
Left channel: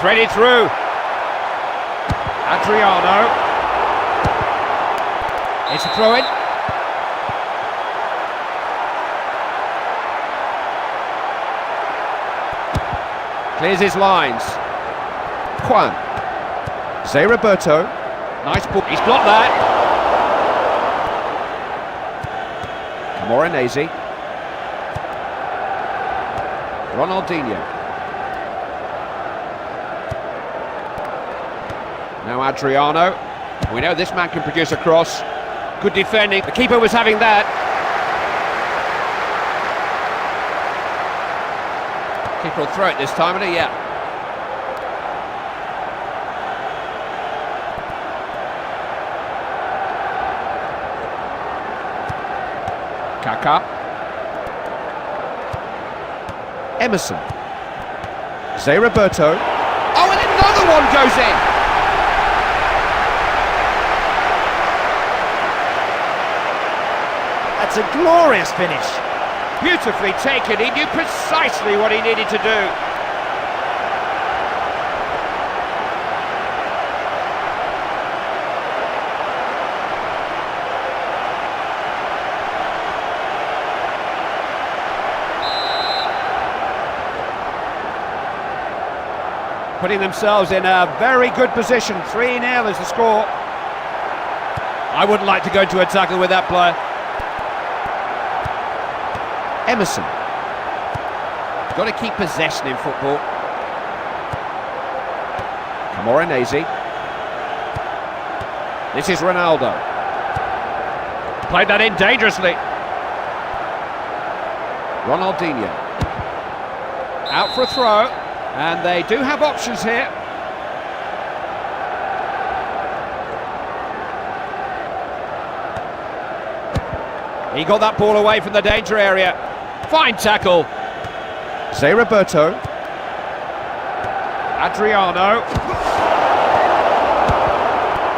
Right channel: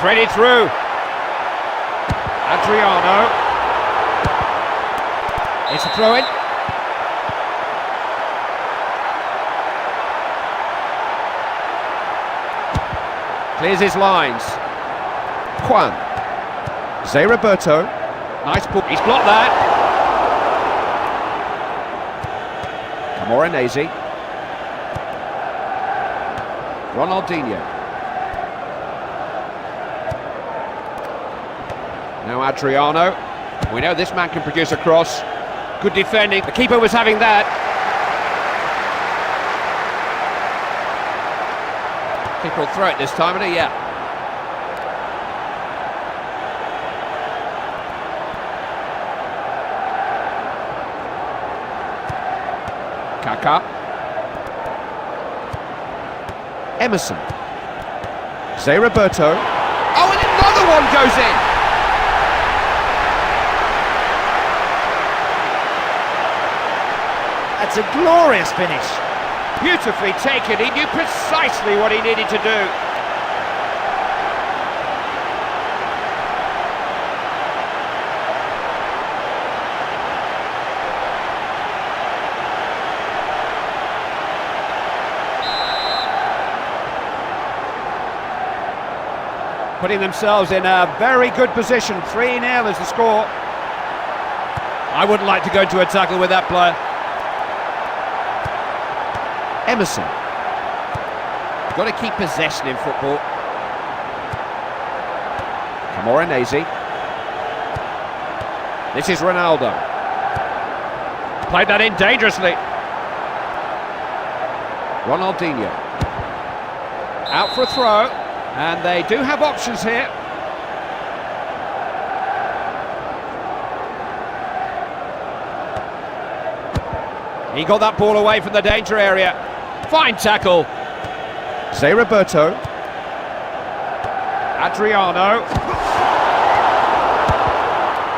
Threaded through. Adriano. It's a throw-in. Clears his lines. Juan. Zé Roberto. Nice ball. He's blocked that. Camoranesi. Ronaldinho. Now Adriano. We know this man can produce a cross. Good defending. The keeper was having that. Keeper will throw it this time, isn't he? Yeah. Kaká. Emerson. Zé Roberto. Oh, and another one goes in. That's a glorious finish. Beautifully taken. He knew precisely what he needed to do. putting themselves in a very good position. 3-0 is the score. I wouldn't like to go into a tackle with that player. Emerson. Got to keep possession in football. Camoranesi. This is Ronaldo. Played that in dangerously. Ronaldinho. Out for a throw, and they do have options here. He got that ball away from the danger area. Fine tackle. Zé Roberto. Adriano.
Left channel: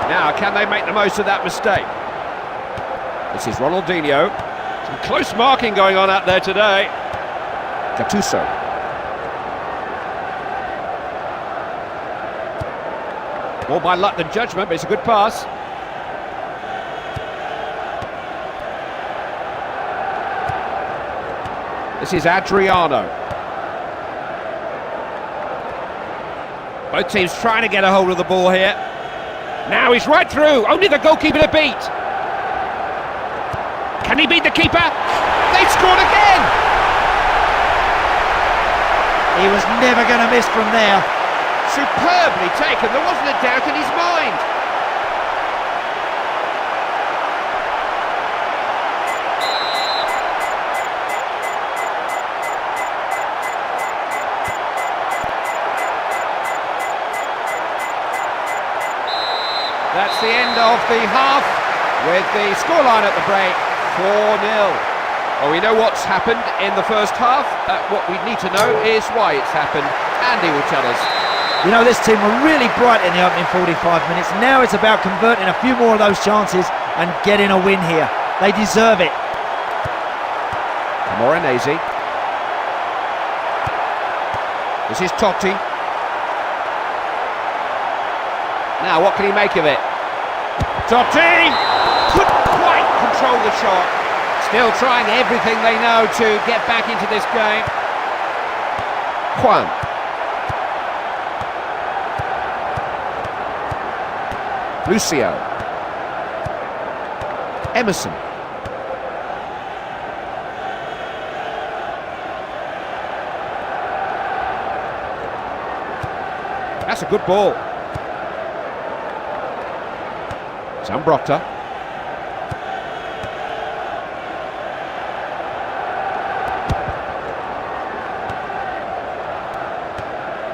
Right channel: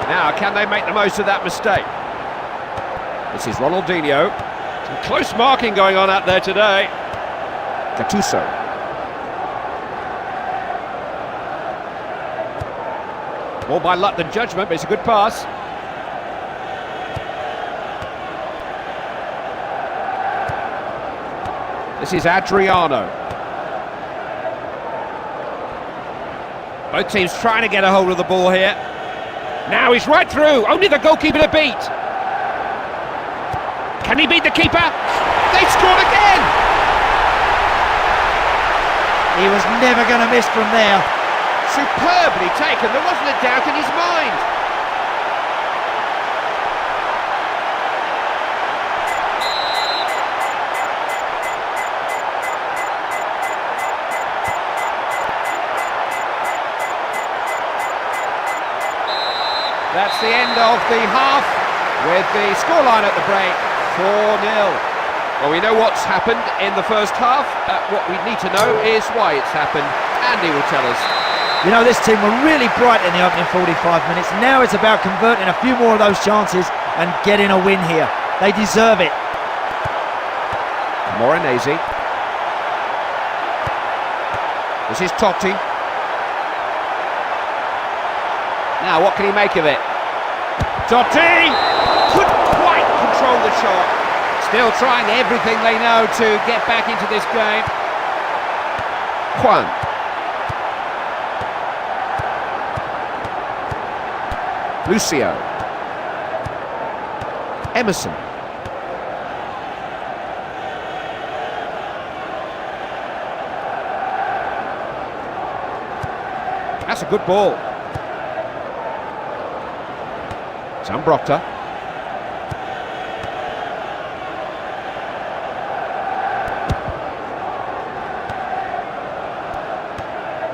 Now, can they make the most of that mistake? This is Ronaldinho. Some close marking going on out there today. Gattuso. More by luck than judgment, but it's a good pass. This is Adriano. Both teams trying to get a hold of the ball here. Now he's right through, only the goalkeeper to beat. Can he beat the keeper? They've scored again! He was never going to miss from there. Superbly taken, there wasn't a doubt in his mind. That's the end of the half, with the scoreline at the break, 4-0. Well, we know what's happened in the first half. What we need to know is why it's happened. Andy will tell us. You know, this team were really bright in the opening 45 minutes. Now it's about converting a few more of those chances and getting a win here. They deserve it. Camoranesi. This is Totti. Now, what can he make of it? Totti! Couldn't quite control the shot. Still trying everything they know to get back into this game. Juan. Lucio. Emerson. That's a good ball. Zambrotta.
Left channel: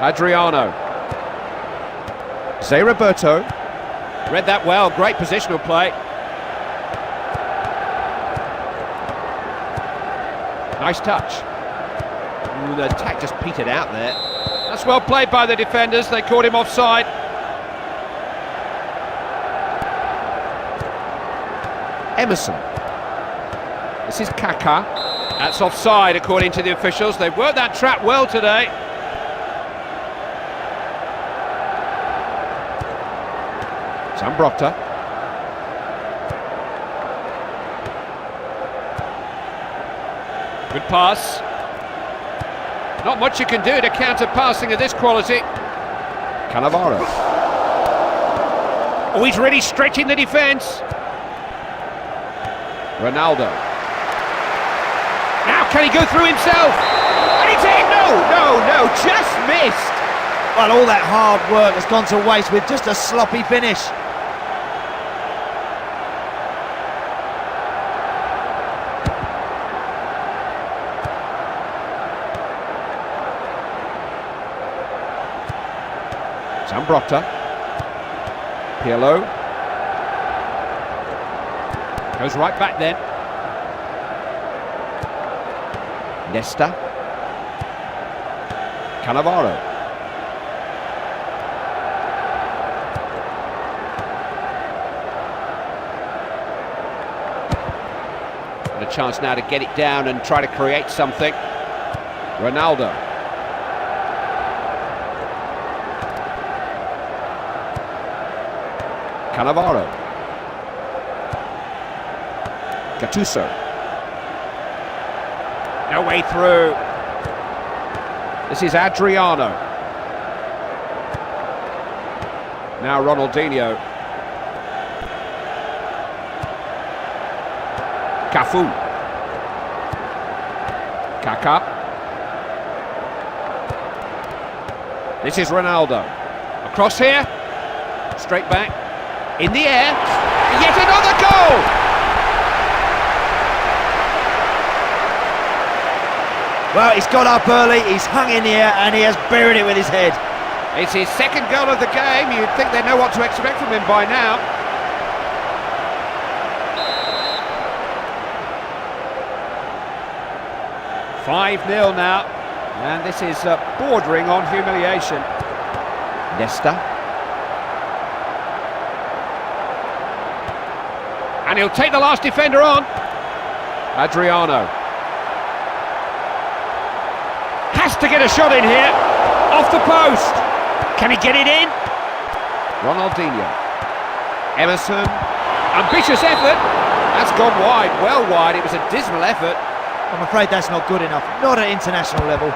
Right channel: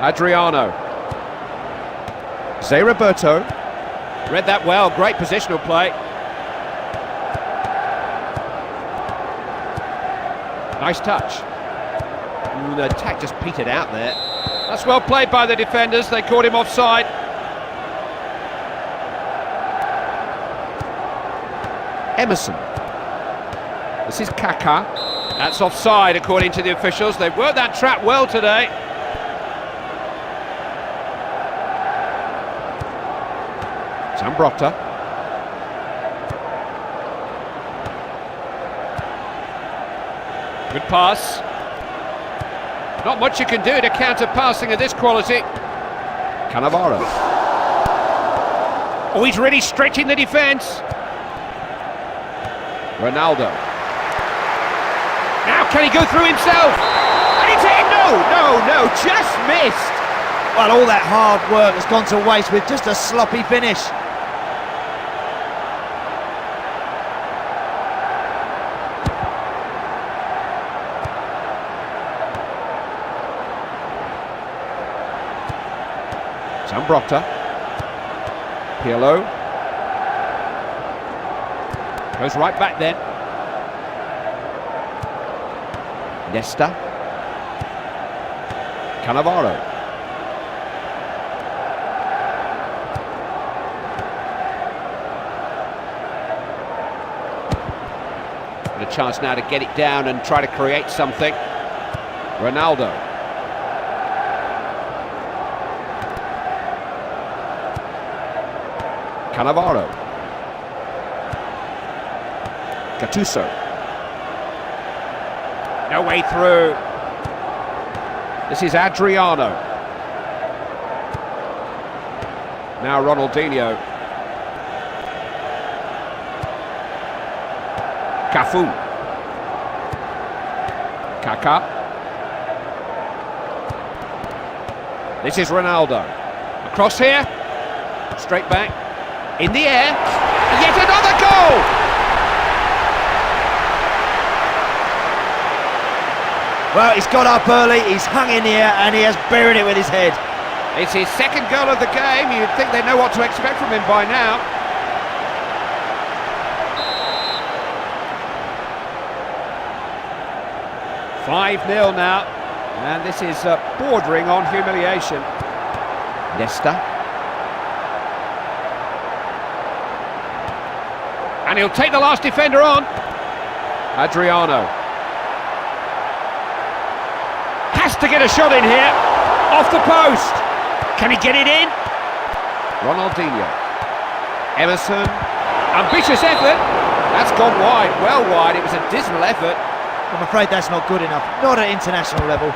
Adriano. Zé Roberto. Read that well, great positional play. Nice touch. Ooh, the attack just petered out there. That's well played by the defenders, they caught him offside. Emerson. This is Kaká. That's offside according to the officials. They've worked that trap well today. Zambrotta. Good pass. Not much you can do to counter passing of this quality. Cannavaro. Oh, he's really stretching the defence. Ronaldo. Now can he go through himself? And it's in! No, just missed. Well, all that hard work has gone to waste with just a sloppy finish. Zambrotta. Pirlo. Goes right back then. Nesta. Cannavaro. Got a chance now to get it down and try to create something. Ronaldo. Cannavaro. Gattuso. No way through. This is Adriano. Now Ronaldinho. Cafu. Kaká. This is Ronaldo. Across here. Straight back. In the air. Yet another goal! Well, he's got up early, he's hung in the air, and he has buried it with his head. It's his second goal of the game. You'd think they know what to expect from him by now. "5-0 now, and this is bordering on humiliation. Nesta. And he'll take the last defender on. Adriano. Has to get a shot in here. Off the post. Can he get it in? Ronaldinho. Emerson. Ambitious effort. That's gone wide, well wide. It was a dismal effort. I'm afraid that's not good enough, not at international level.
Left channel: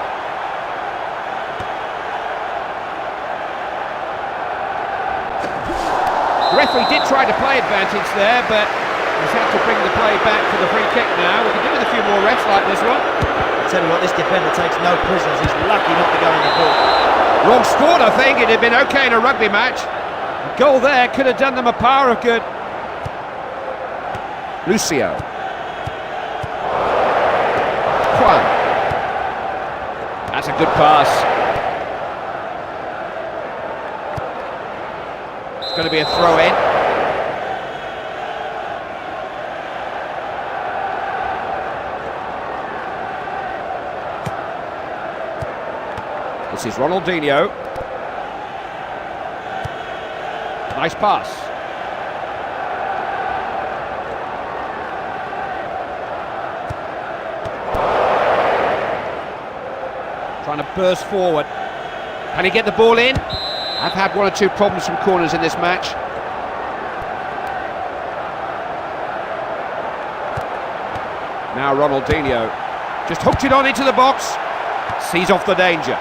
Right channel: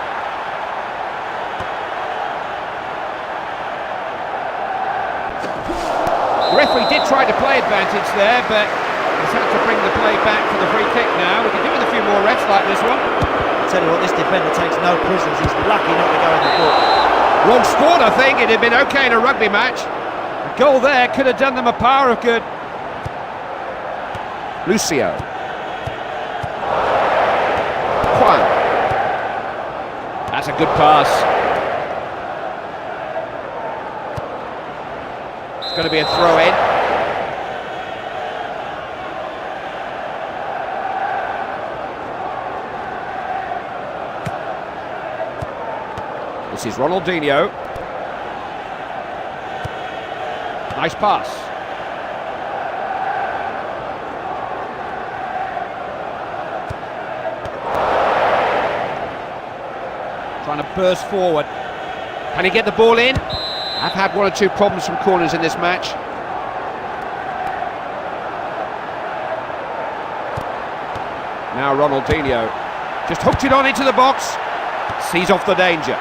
The referee did try to play advantage there, but he's had to bring the play back for the free kick now. We can do with a few more refs like this one. I tell you what, this defender takes no prisoners. He's lucky not to go in the book. Wrong sport, I think. It had been okay in a rugby match. A goal there could have done them a power of good. Lucio. Juan. That's a good pass. It's going to be a throw in. This is Ronaldinho. Nice pass. Trying to burst forward. Can he get the ball in? I've had one or two problems from corners in this match. Now Ronaldinho. Just hooked it on into the box. Sees off the danger.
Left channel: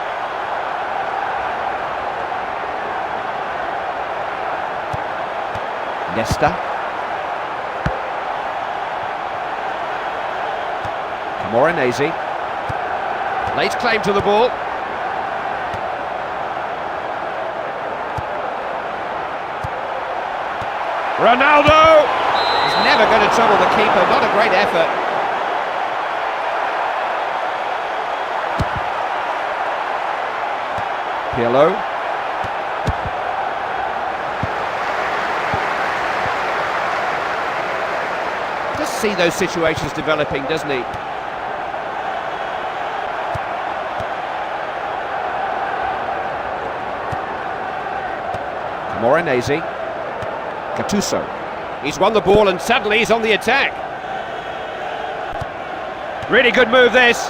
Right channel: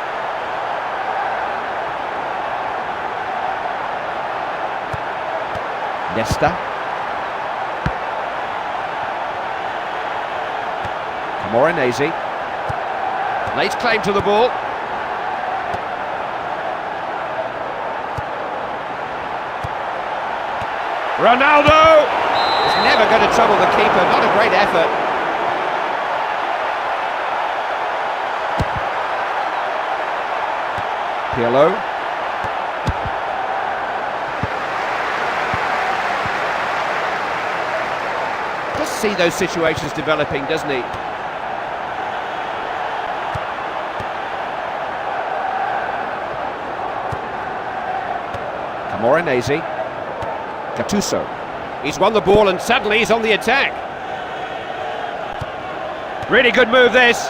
Nesta. Camoranesi. Lays claim to the ball. Ronaldo is never going to trouble the keeper. Not a great effort. Pirlo. Just see those situations developing, doesn't he? Camoranesi. Gattuso. He's won the ball and suddenly he's on the attack. Really good move this.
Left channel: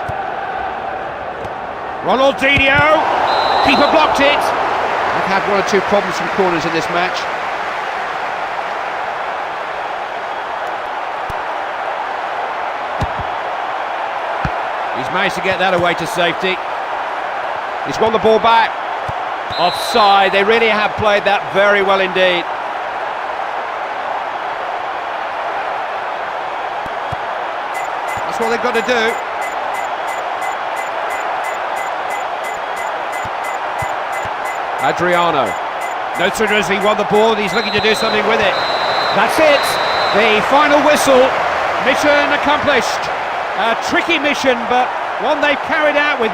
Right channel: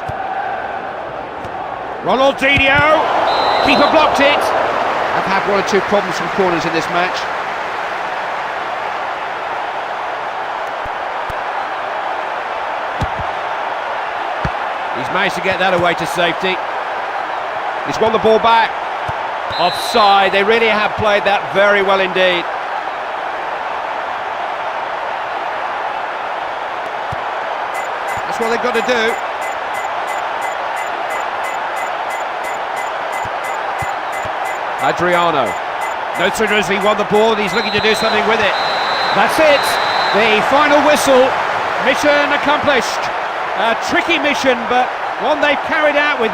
Ronaldinho. Keeper blocked it. I've had one or two problems from corners in this match. He's managed to get that away to safety. He's won the ball back. Offside. They really have played that very well indeed. That's what they've got to do. Adriano. No sooner has he won the ball, he's looking to do something with it. That's it. The final whistle. Mission accomplished. A tricky mission, but one they've carried out with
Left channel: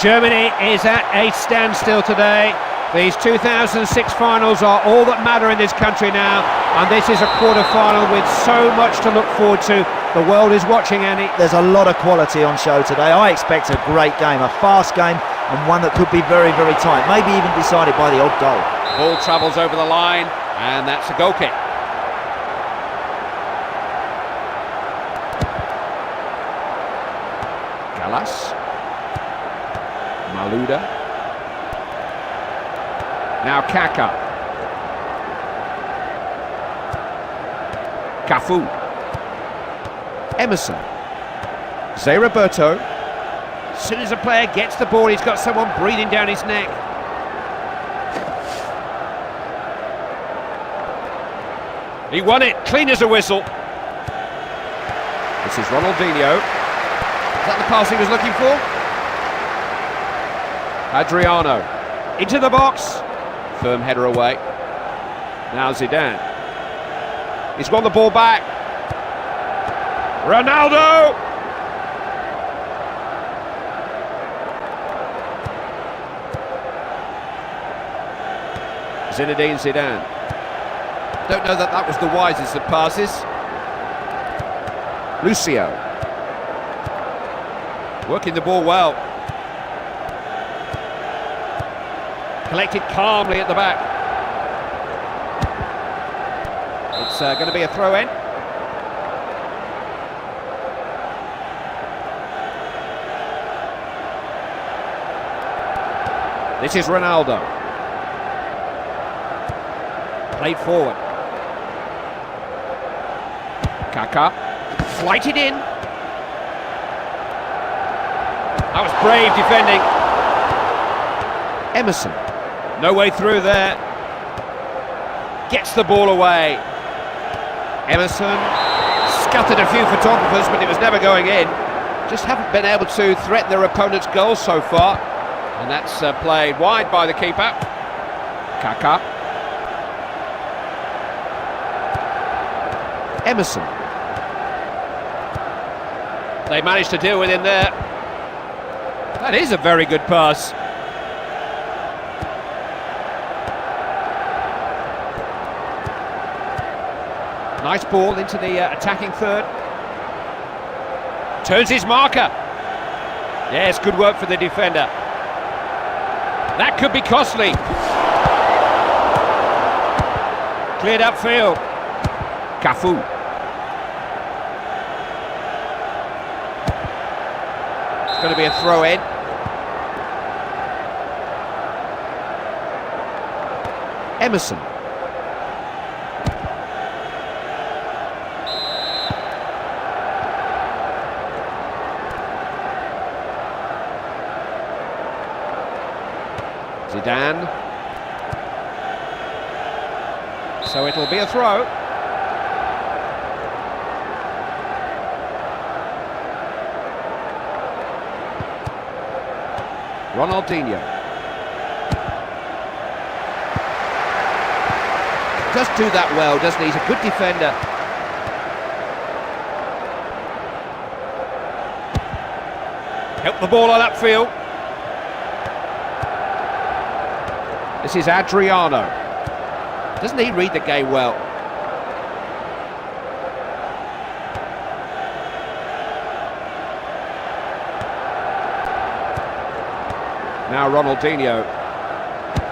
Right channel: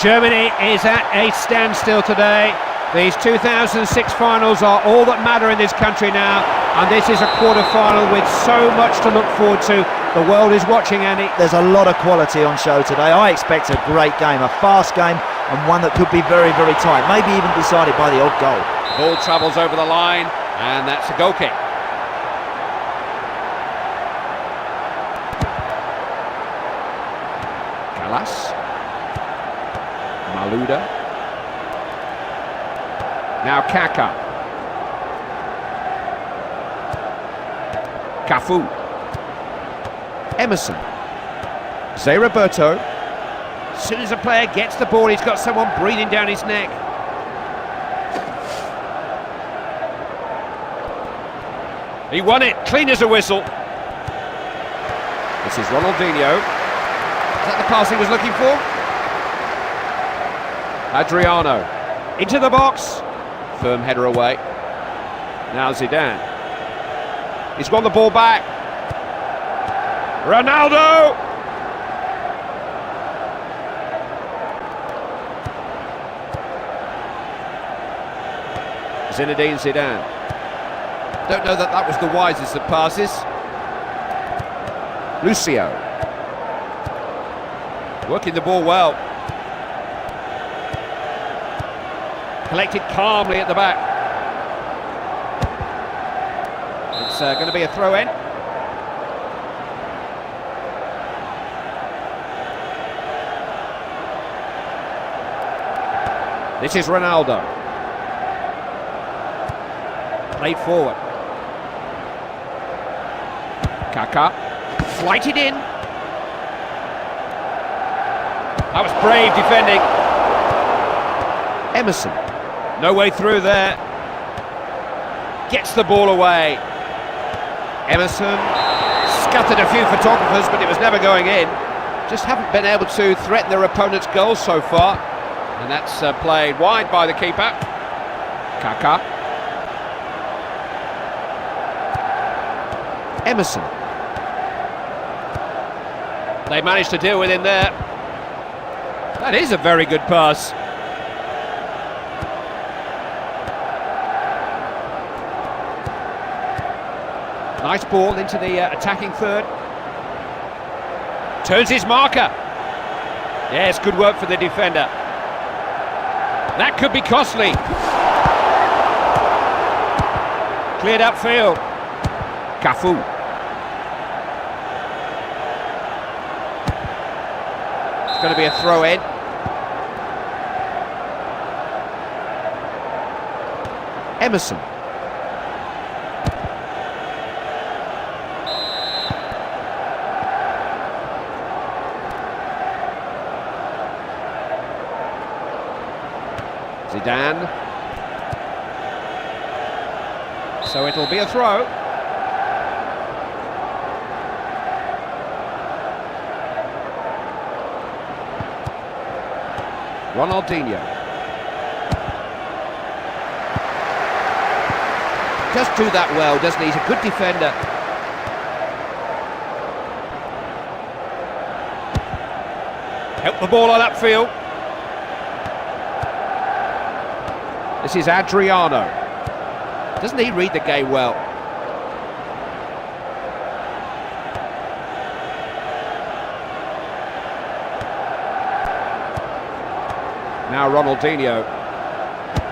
Germany is at a standstill today. These 2006 finals are all that matter in this country now, and this is a quarter-final with so much to look forward to. The world is watching, Andy. There's a lot of quality on show today. I expect a great game, a fast game, and one that could be very, very tight, maybe even decided by the odd goal. Ball travels over the line, and that's a goal kick. Gallas. Malouda. Now Kaka. Cafu. Emerson. Zé Roberto. As soon as a player gets the ball, he's got someone breathing down his neck. He won it, clean as a whistle. This is Ronaldinho. Is that the pass he was looking for? Adriano. Into the box. Firm header away. Now Zidane. He's won the ball back. Ronaldo! Zinedine Zidane. Don't know that was the wisest of passes. Lucio. Working the ball well. Collected calmly at the back. It's going to be a throw-in. This is Ronaldo. Played forward. Kaka. Flighted in. That was brave defending. Emerson. No way through there. Gets the ball away. Emerson scattered a few photographers, but it was never going in. Just haven't been able to threaten their opponent's goals so far. And that's played wide by the keeper. Kaka. Emerson. They managed to deal with him there. That is a very good pass. Nice ball into the attacking third. Turns his marker. Yes, good work for the defender. That could be costly. Cleared upfield. Cafu. It's going to be a throw-in. Emerson. Zidane. So it'll be a throw. Ronaldinho. Does do that well, doesn't he? He's a good defender. Help the ball on upfield. This is Adriano. Doesn't he read the game well? Now Ronaldinho.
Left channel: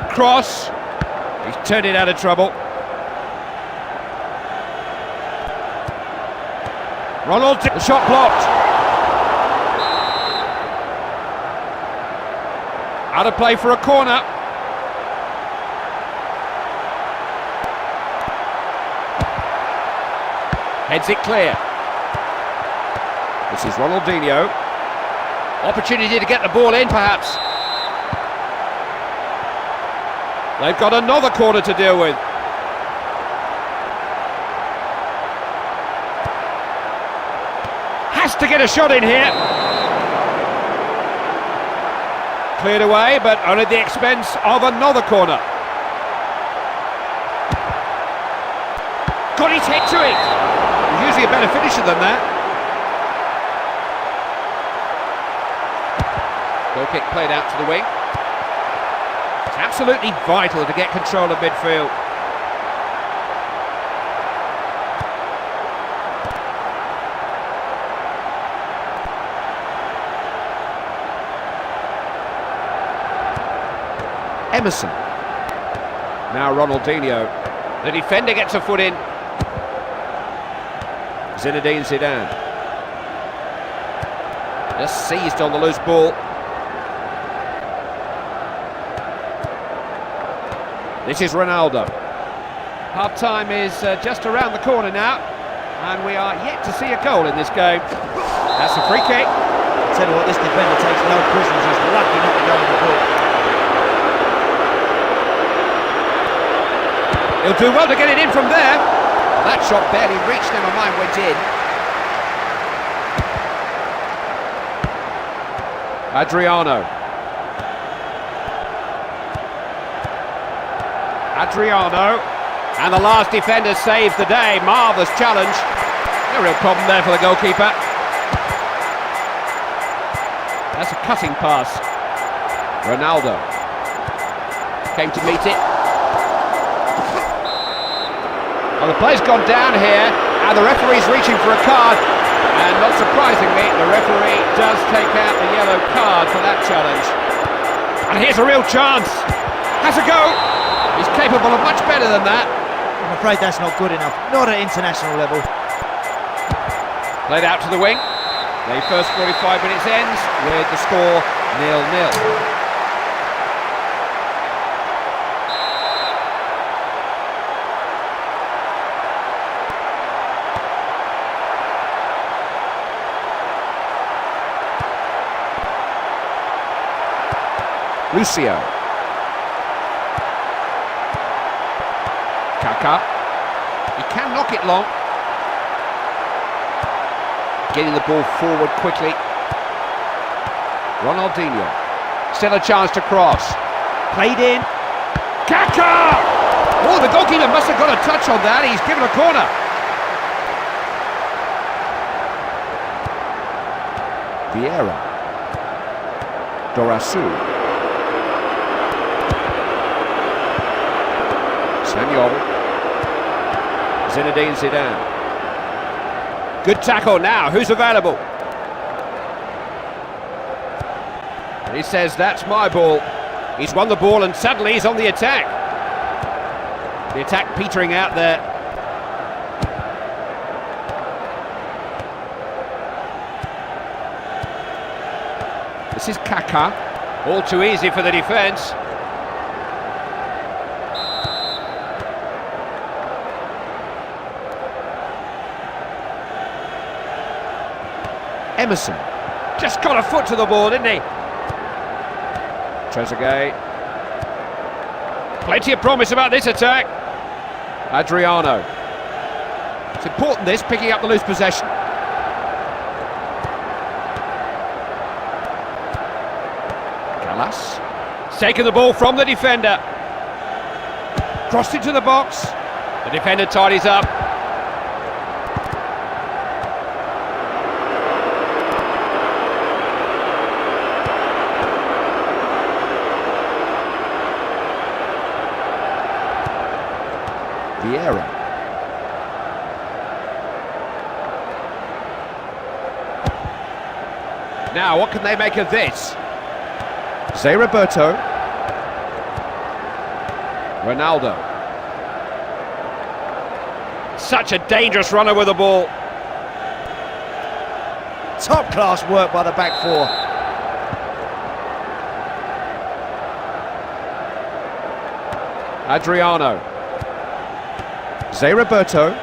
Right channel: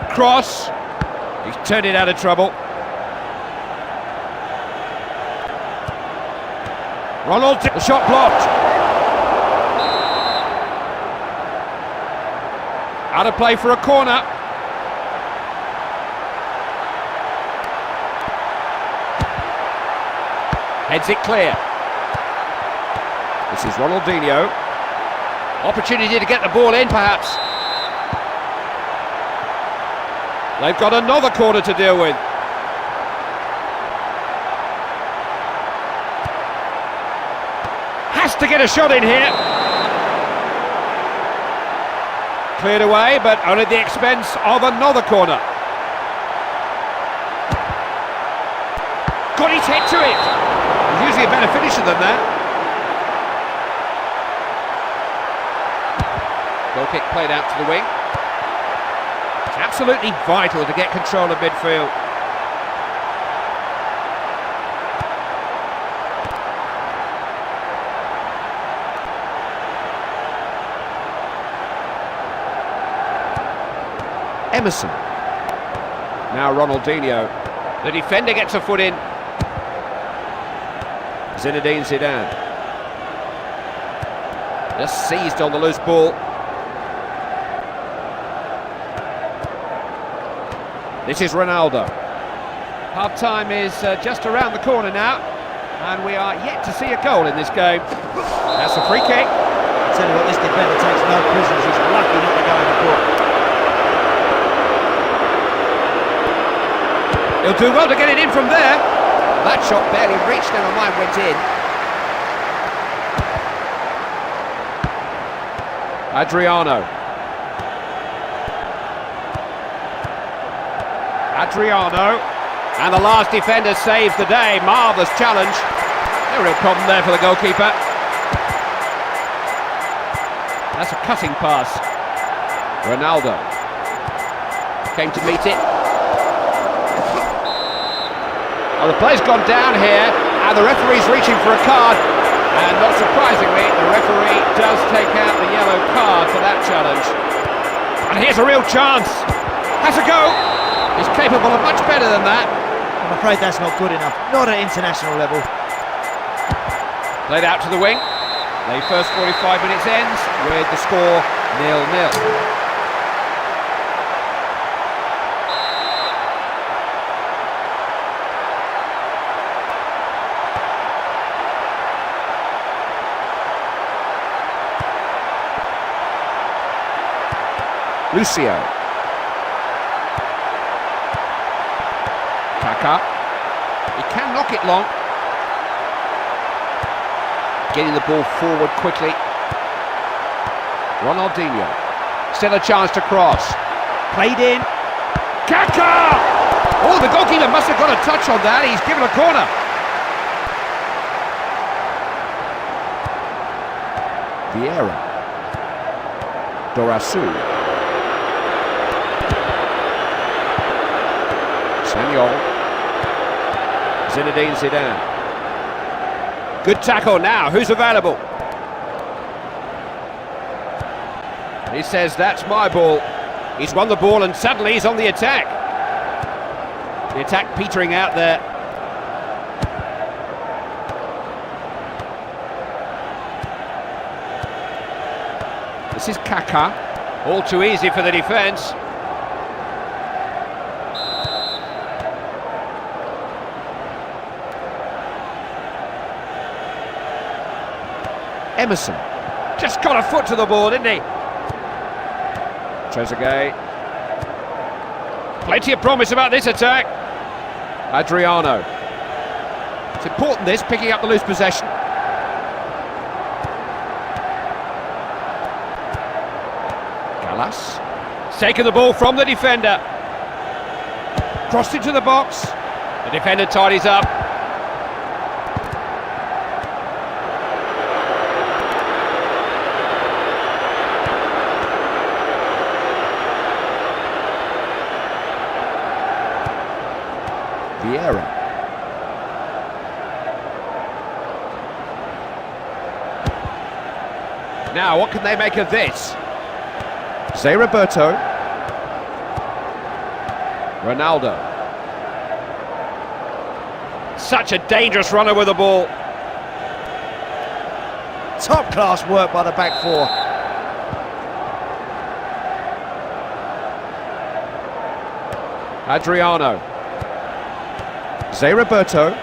Cross. He's turned it out of trouble. Ronaldinho. The shot blocked. Out of play for a corner. Heads it clear. This is Ronaldinho. Opportunity to get the ball in, perhaps. They've got another corner to deal with. Has to get a shot in here. Cleared away, but only at the expense of another corner. Got his head to it. He's usually a better finisher than that. Goal kick played out to the wing. It's absolutely vital to get control of midfield. Emerson. Now Ronaldinho. The defender gets a foot in. Zinedine Zidane. Just seized on the loose ball. This is Ronaldo. Half-time is just around the corner now, and we are yet to see a goal in this game. That's a free kick. I'll tell you what, this defender takes no prisoners. He's lucky not to go in the book. He'll do well to get it in from there. Well, that shot barely reached, never mind went in. Adriano. And the last defender saves the day. Marvellous challenge. No real problem there for the goalkeeper. That's a cutting pass. Ronaldo came to meet it. Well, the play's gone down here, and the referee's reaching for a card. And not surprisingly, the referee does take out the yellow card for that challenge. And here's a real chance. Has a go. He's capable of much better than that. I'm afraid that's not good enough. Not at international level. Played out to the wing. The first 45 minutes ends with the score 0-0. Lucio. Kaká. He can knock it long. Getting the ball forward quickly. Ronaldinho. Still a chance to cross. Played in. Kaká! Oh, the goalkeeper must have got a touch on that. He's given a corner. Vieira. Dorasu. Samuel. Zinedine Zidane. Good tackle now. Who's available? And he says, that's my ball. He's won the ball and suddenly he's on the attack. The attack petering out there. This is Kaká. All too easy for the defence. Emerson. Just got a foot to the ball, didn't he? Trezeguet. Plenty of promise about this attack. Adriano. It's important this, picking up the loose possession. Gallas. Taken the ball from the defender. Crossed into the box. The defender tidies up. Vieira. Now, what can they make of this? Zé Roberto. Ronaldo. Such a dangerous runner with the ball. Top class work by the back four. Adriano. Zé Roberto.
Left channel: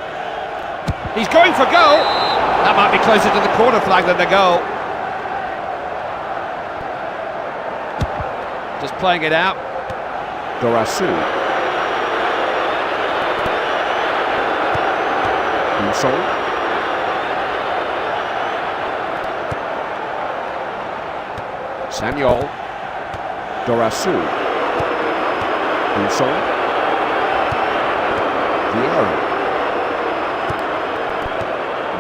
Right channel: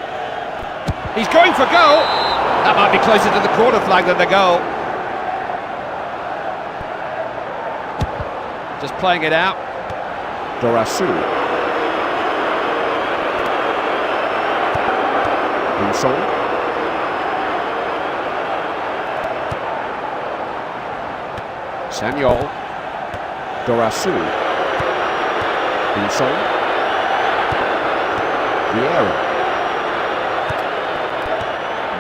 He's going for goal. That might be closer to the corner flag than the goal. Just playing it out. Dorasu. Buson. Samuel. Dorasu. Buson. Vieira.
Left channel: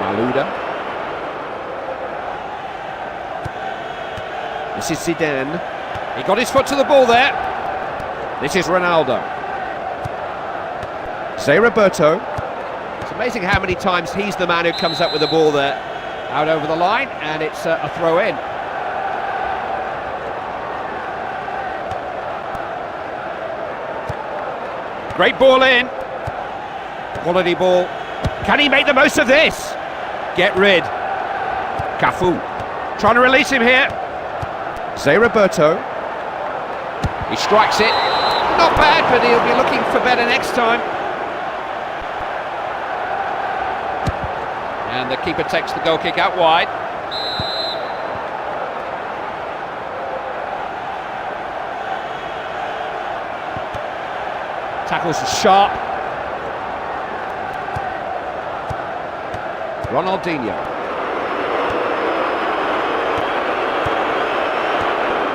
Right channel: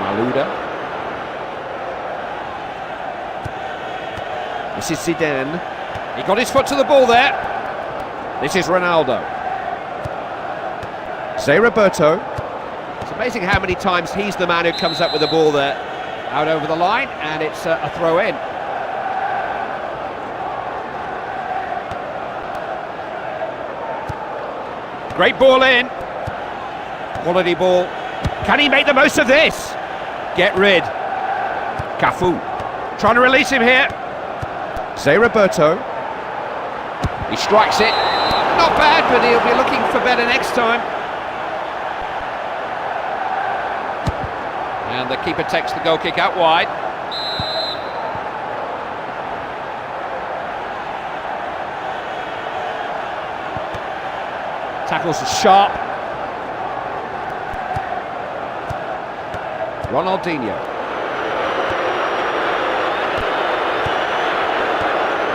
Malouda. This is Zidane. He got his foot to the ball there. This is Ronaldo. Zé Roberto. It's amazing how many times he's the man who comes up with the ball there. Out over the line, and it's a throw in. Great ball in. Quality ball. Can he make the most of this? Get rid. Cafu. Trying to release him here. Zé Roberto. He strikes it. Not bad, but he'll be looking for better next time. And the keeper takes the goal kick out wide. Tackles are sharp. Ronaldinho.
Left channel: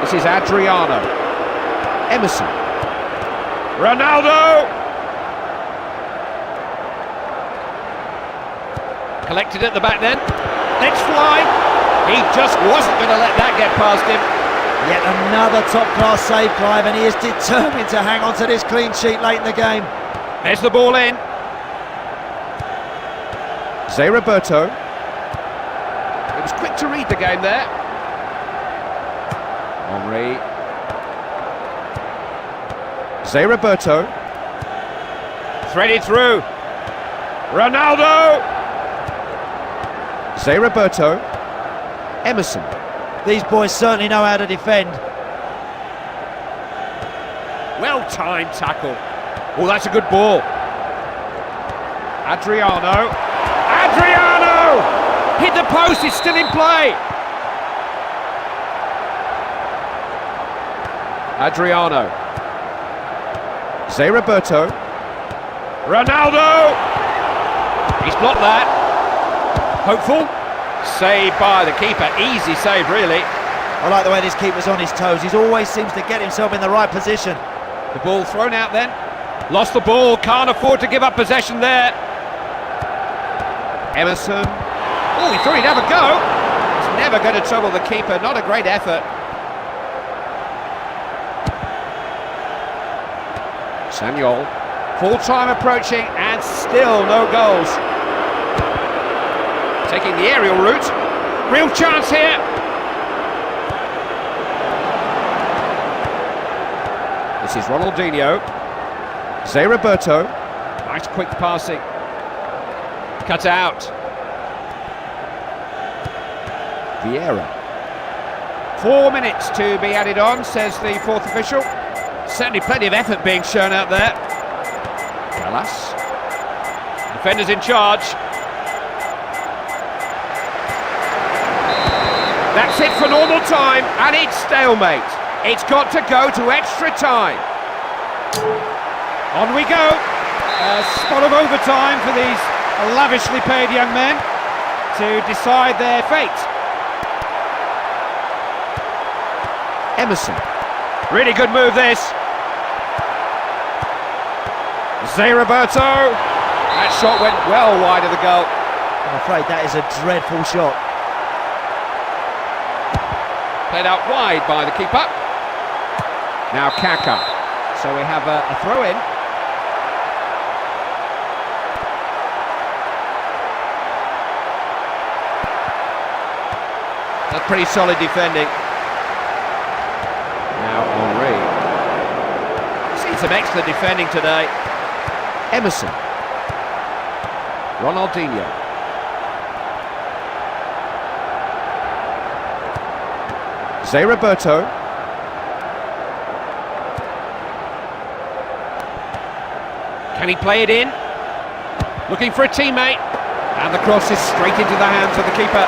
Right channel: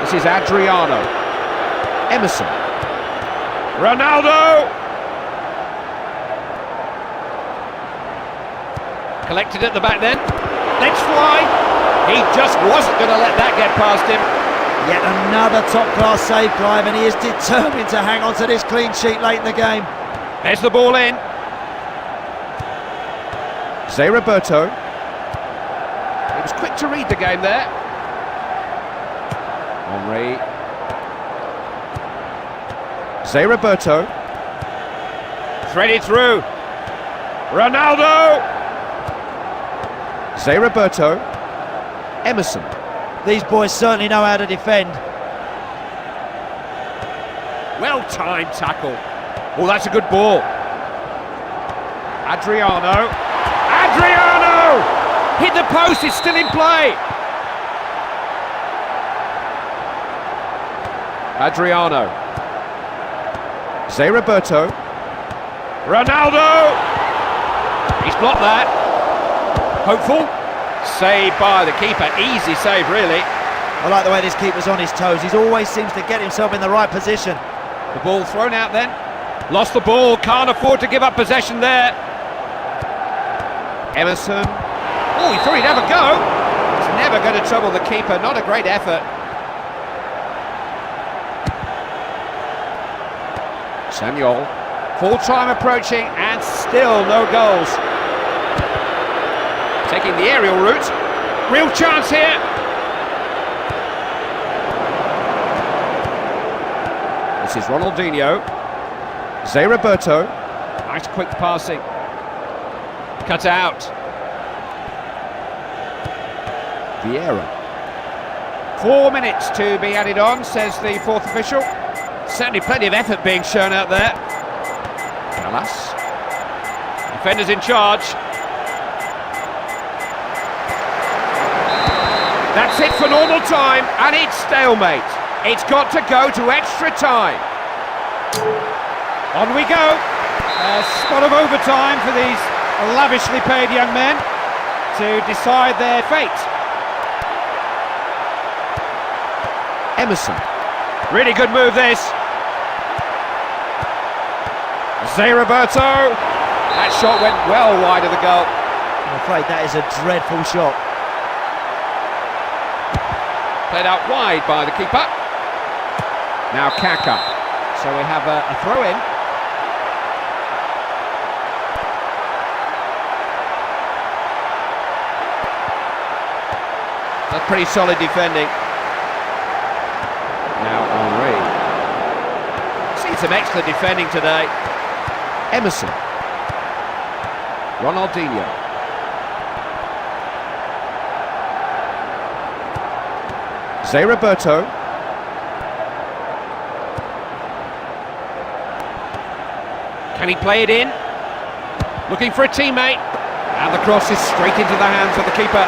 This is Adriano. Emerson. Ronaldo! Collected at the back then. Let's fly. He just wasn't going to let that get past him. Yet another top-class save, Clive, and he is determined to hang on to this clean sheet late in the game. There's the ball in. Zé Roberto. He was quick to read the game there. Henry. Zé Roberto. Threaded through. Ronaldo! Zé Roberto. Emerson. These boys certainly know how to defend. Well-timed tackle. Oh, that's a good ball. Adriano. Adriano! Hit the post, it's still in play. Adriano. Zé Roberto. Ronaldo! He's blocked that. Hopeful. Saved by the keeper. Easy save, really. I like the way this keeper's on his toes. He always seems to get himself in the right position. The ball thrown out then. Lost the ball. Can't afford to give up possession there. Emerson. Oh, he thought he'd have a go. He's never going to trouble the keeper. Not a great effort. Samuel. Full time approaching and still no goals. Taking the aerial route. Real chance here. This is Ronaldinho. Zé Roberto. Nice quick passing. Cut out. Vieira. 4 minutes to be added on, says the fourth official. Certainly plenty of effort being shown out there. Gallas. Defenders in charge. That's it for normal time, and it's stalemate. It's got to go to extra time. On we go. A spot of overtime for these lavishly paid young men to decide their fate. Emerson. Really good move, this. Zé Roberto. That shot went well wide of the goal. I'm afraid that is a dreadful shot. Played out wide by the keeper. Now Kaka. So we have a throw-in. That's pretty solid defending. Now Henry. Seen some excellent defending today. Emerson. Ronaldinho. Zé Roberto. Can he play it in? Looking for a teammate. And the cross is straight into the hands of the keeper.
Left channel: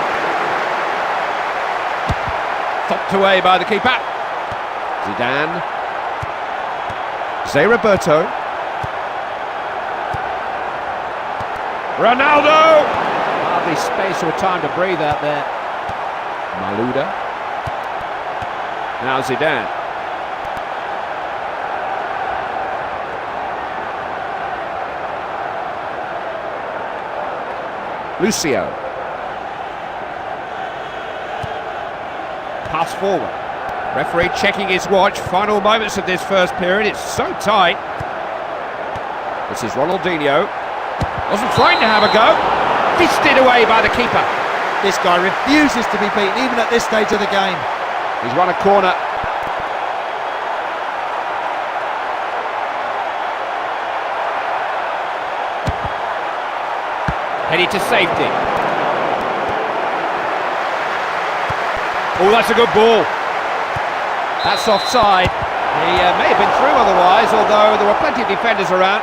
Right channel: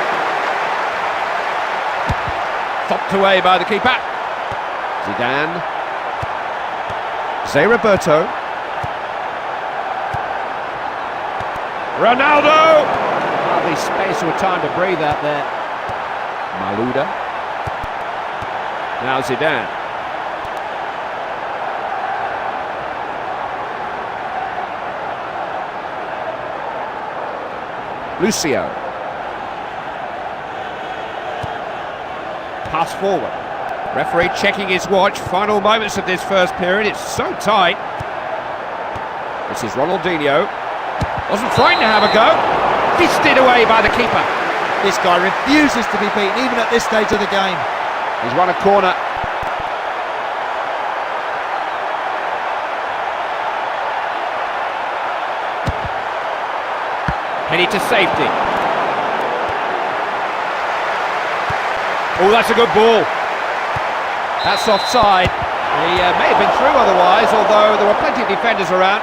Thumped away by the keeper. Zidane. Zé Roberto. Ronaldo! Hardly space or time to breathe out there. Malouda. Now Zidane. Lucio. Pass forward. Referee checking his watch. Final moments of this first period. It's so tight. This is Ronaldinho. Wasn't frightened to have a go. Fisted away by the keeper. This guy refuses to be beaten, even at this stage of the game. He's won a corner. Headed to safety. Oh, that's a good ball. That's offside. He may have been through otherwise, although there were plenty of defenders around.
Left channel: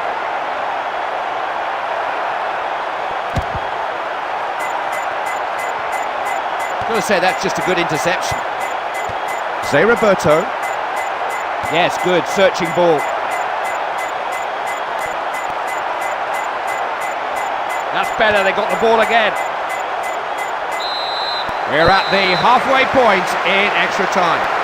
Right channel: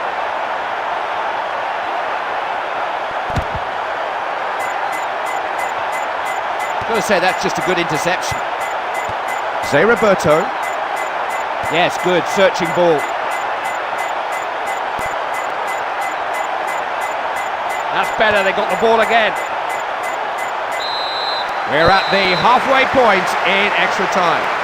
Got to say that's just a good interception. Zé Roberto. Yes, good, searching ball. That's better, they got the ball again. We're at the halfway point in extra time.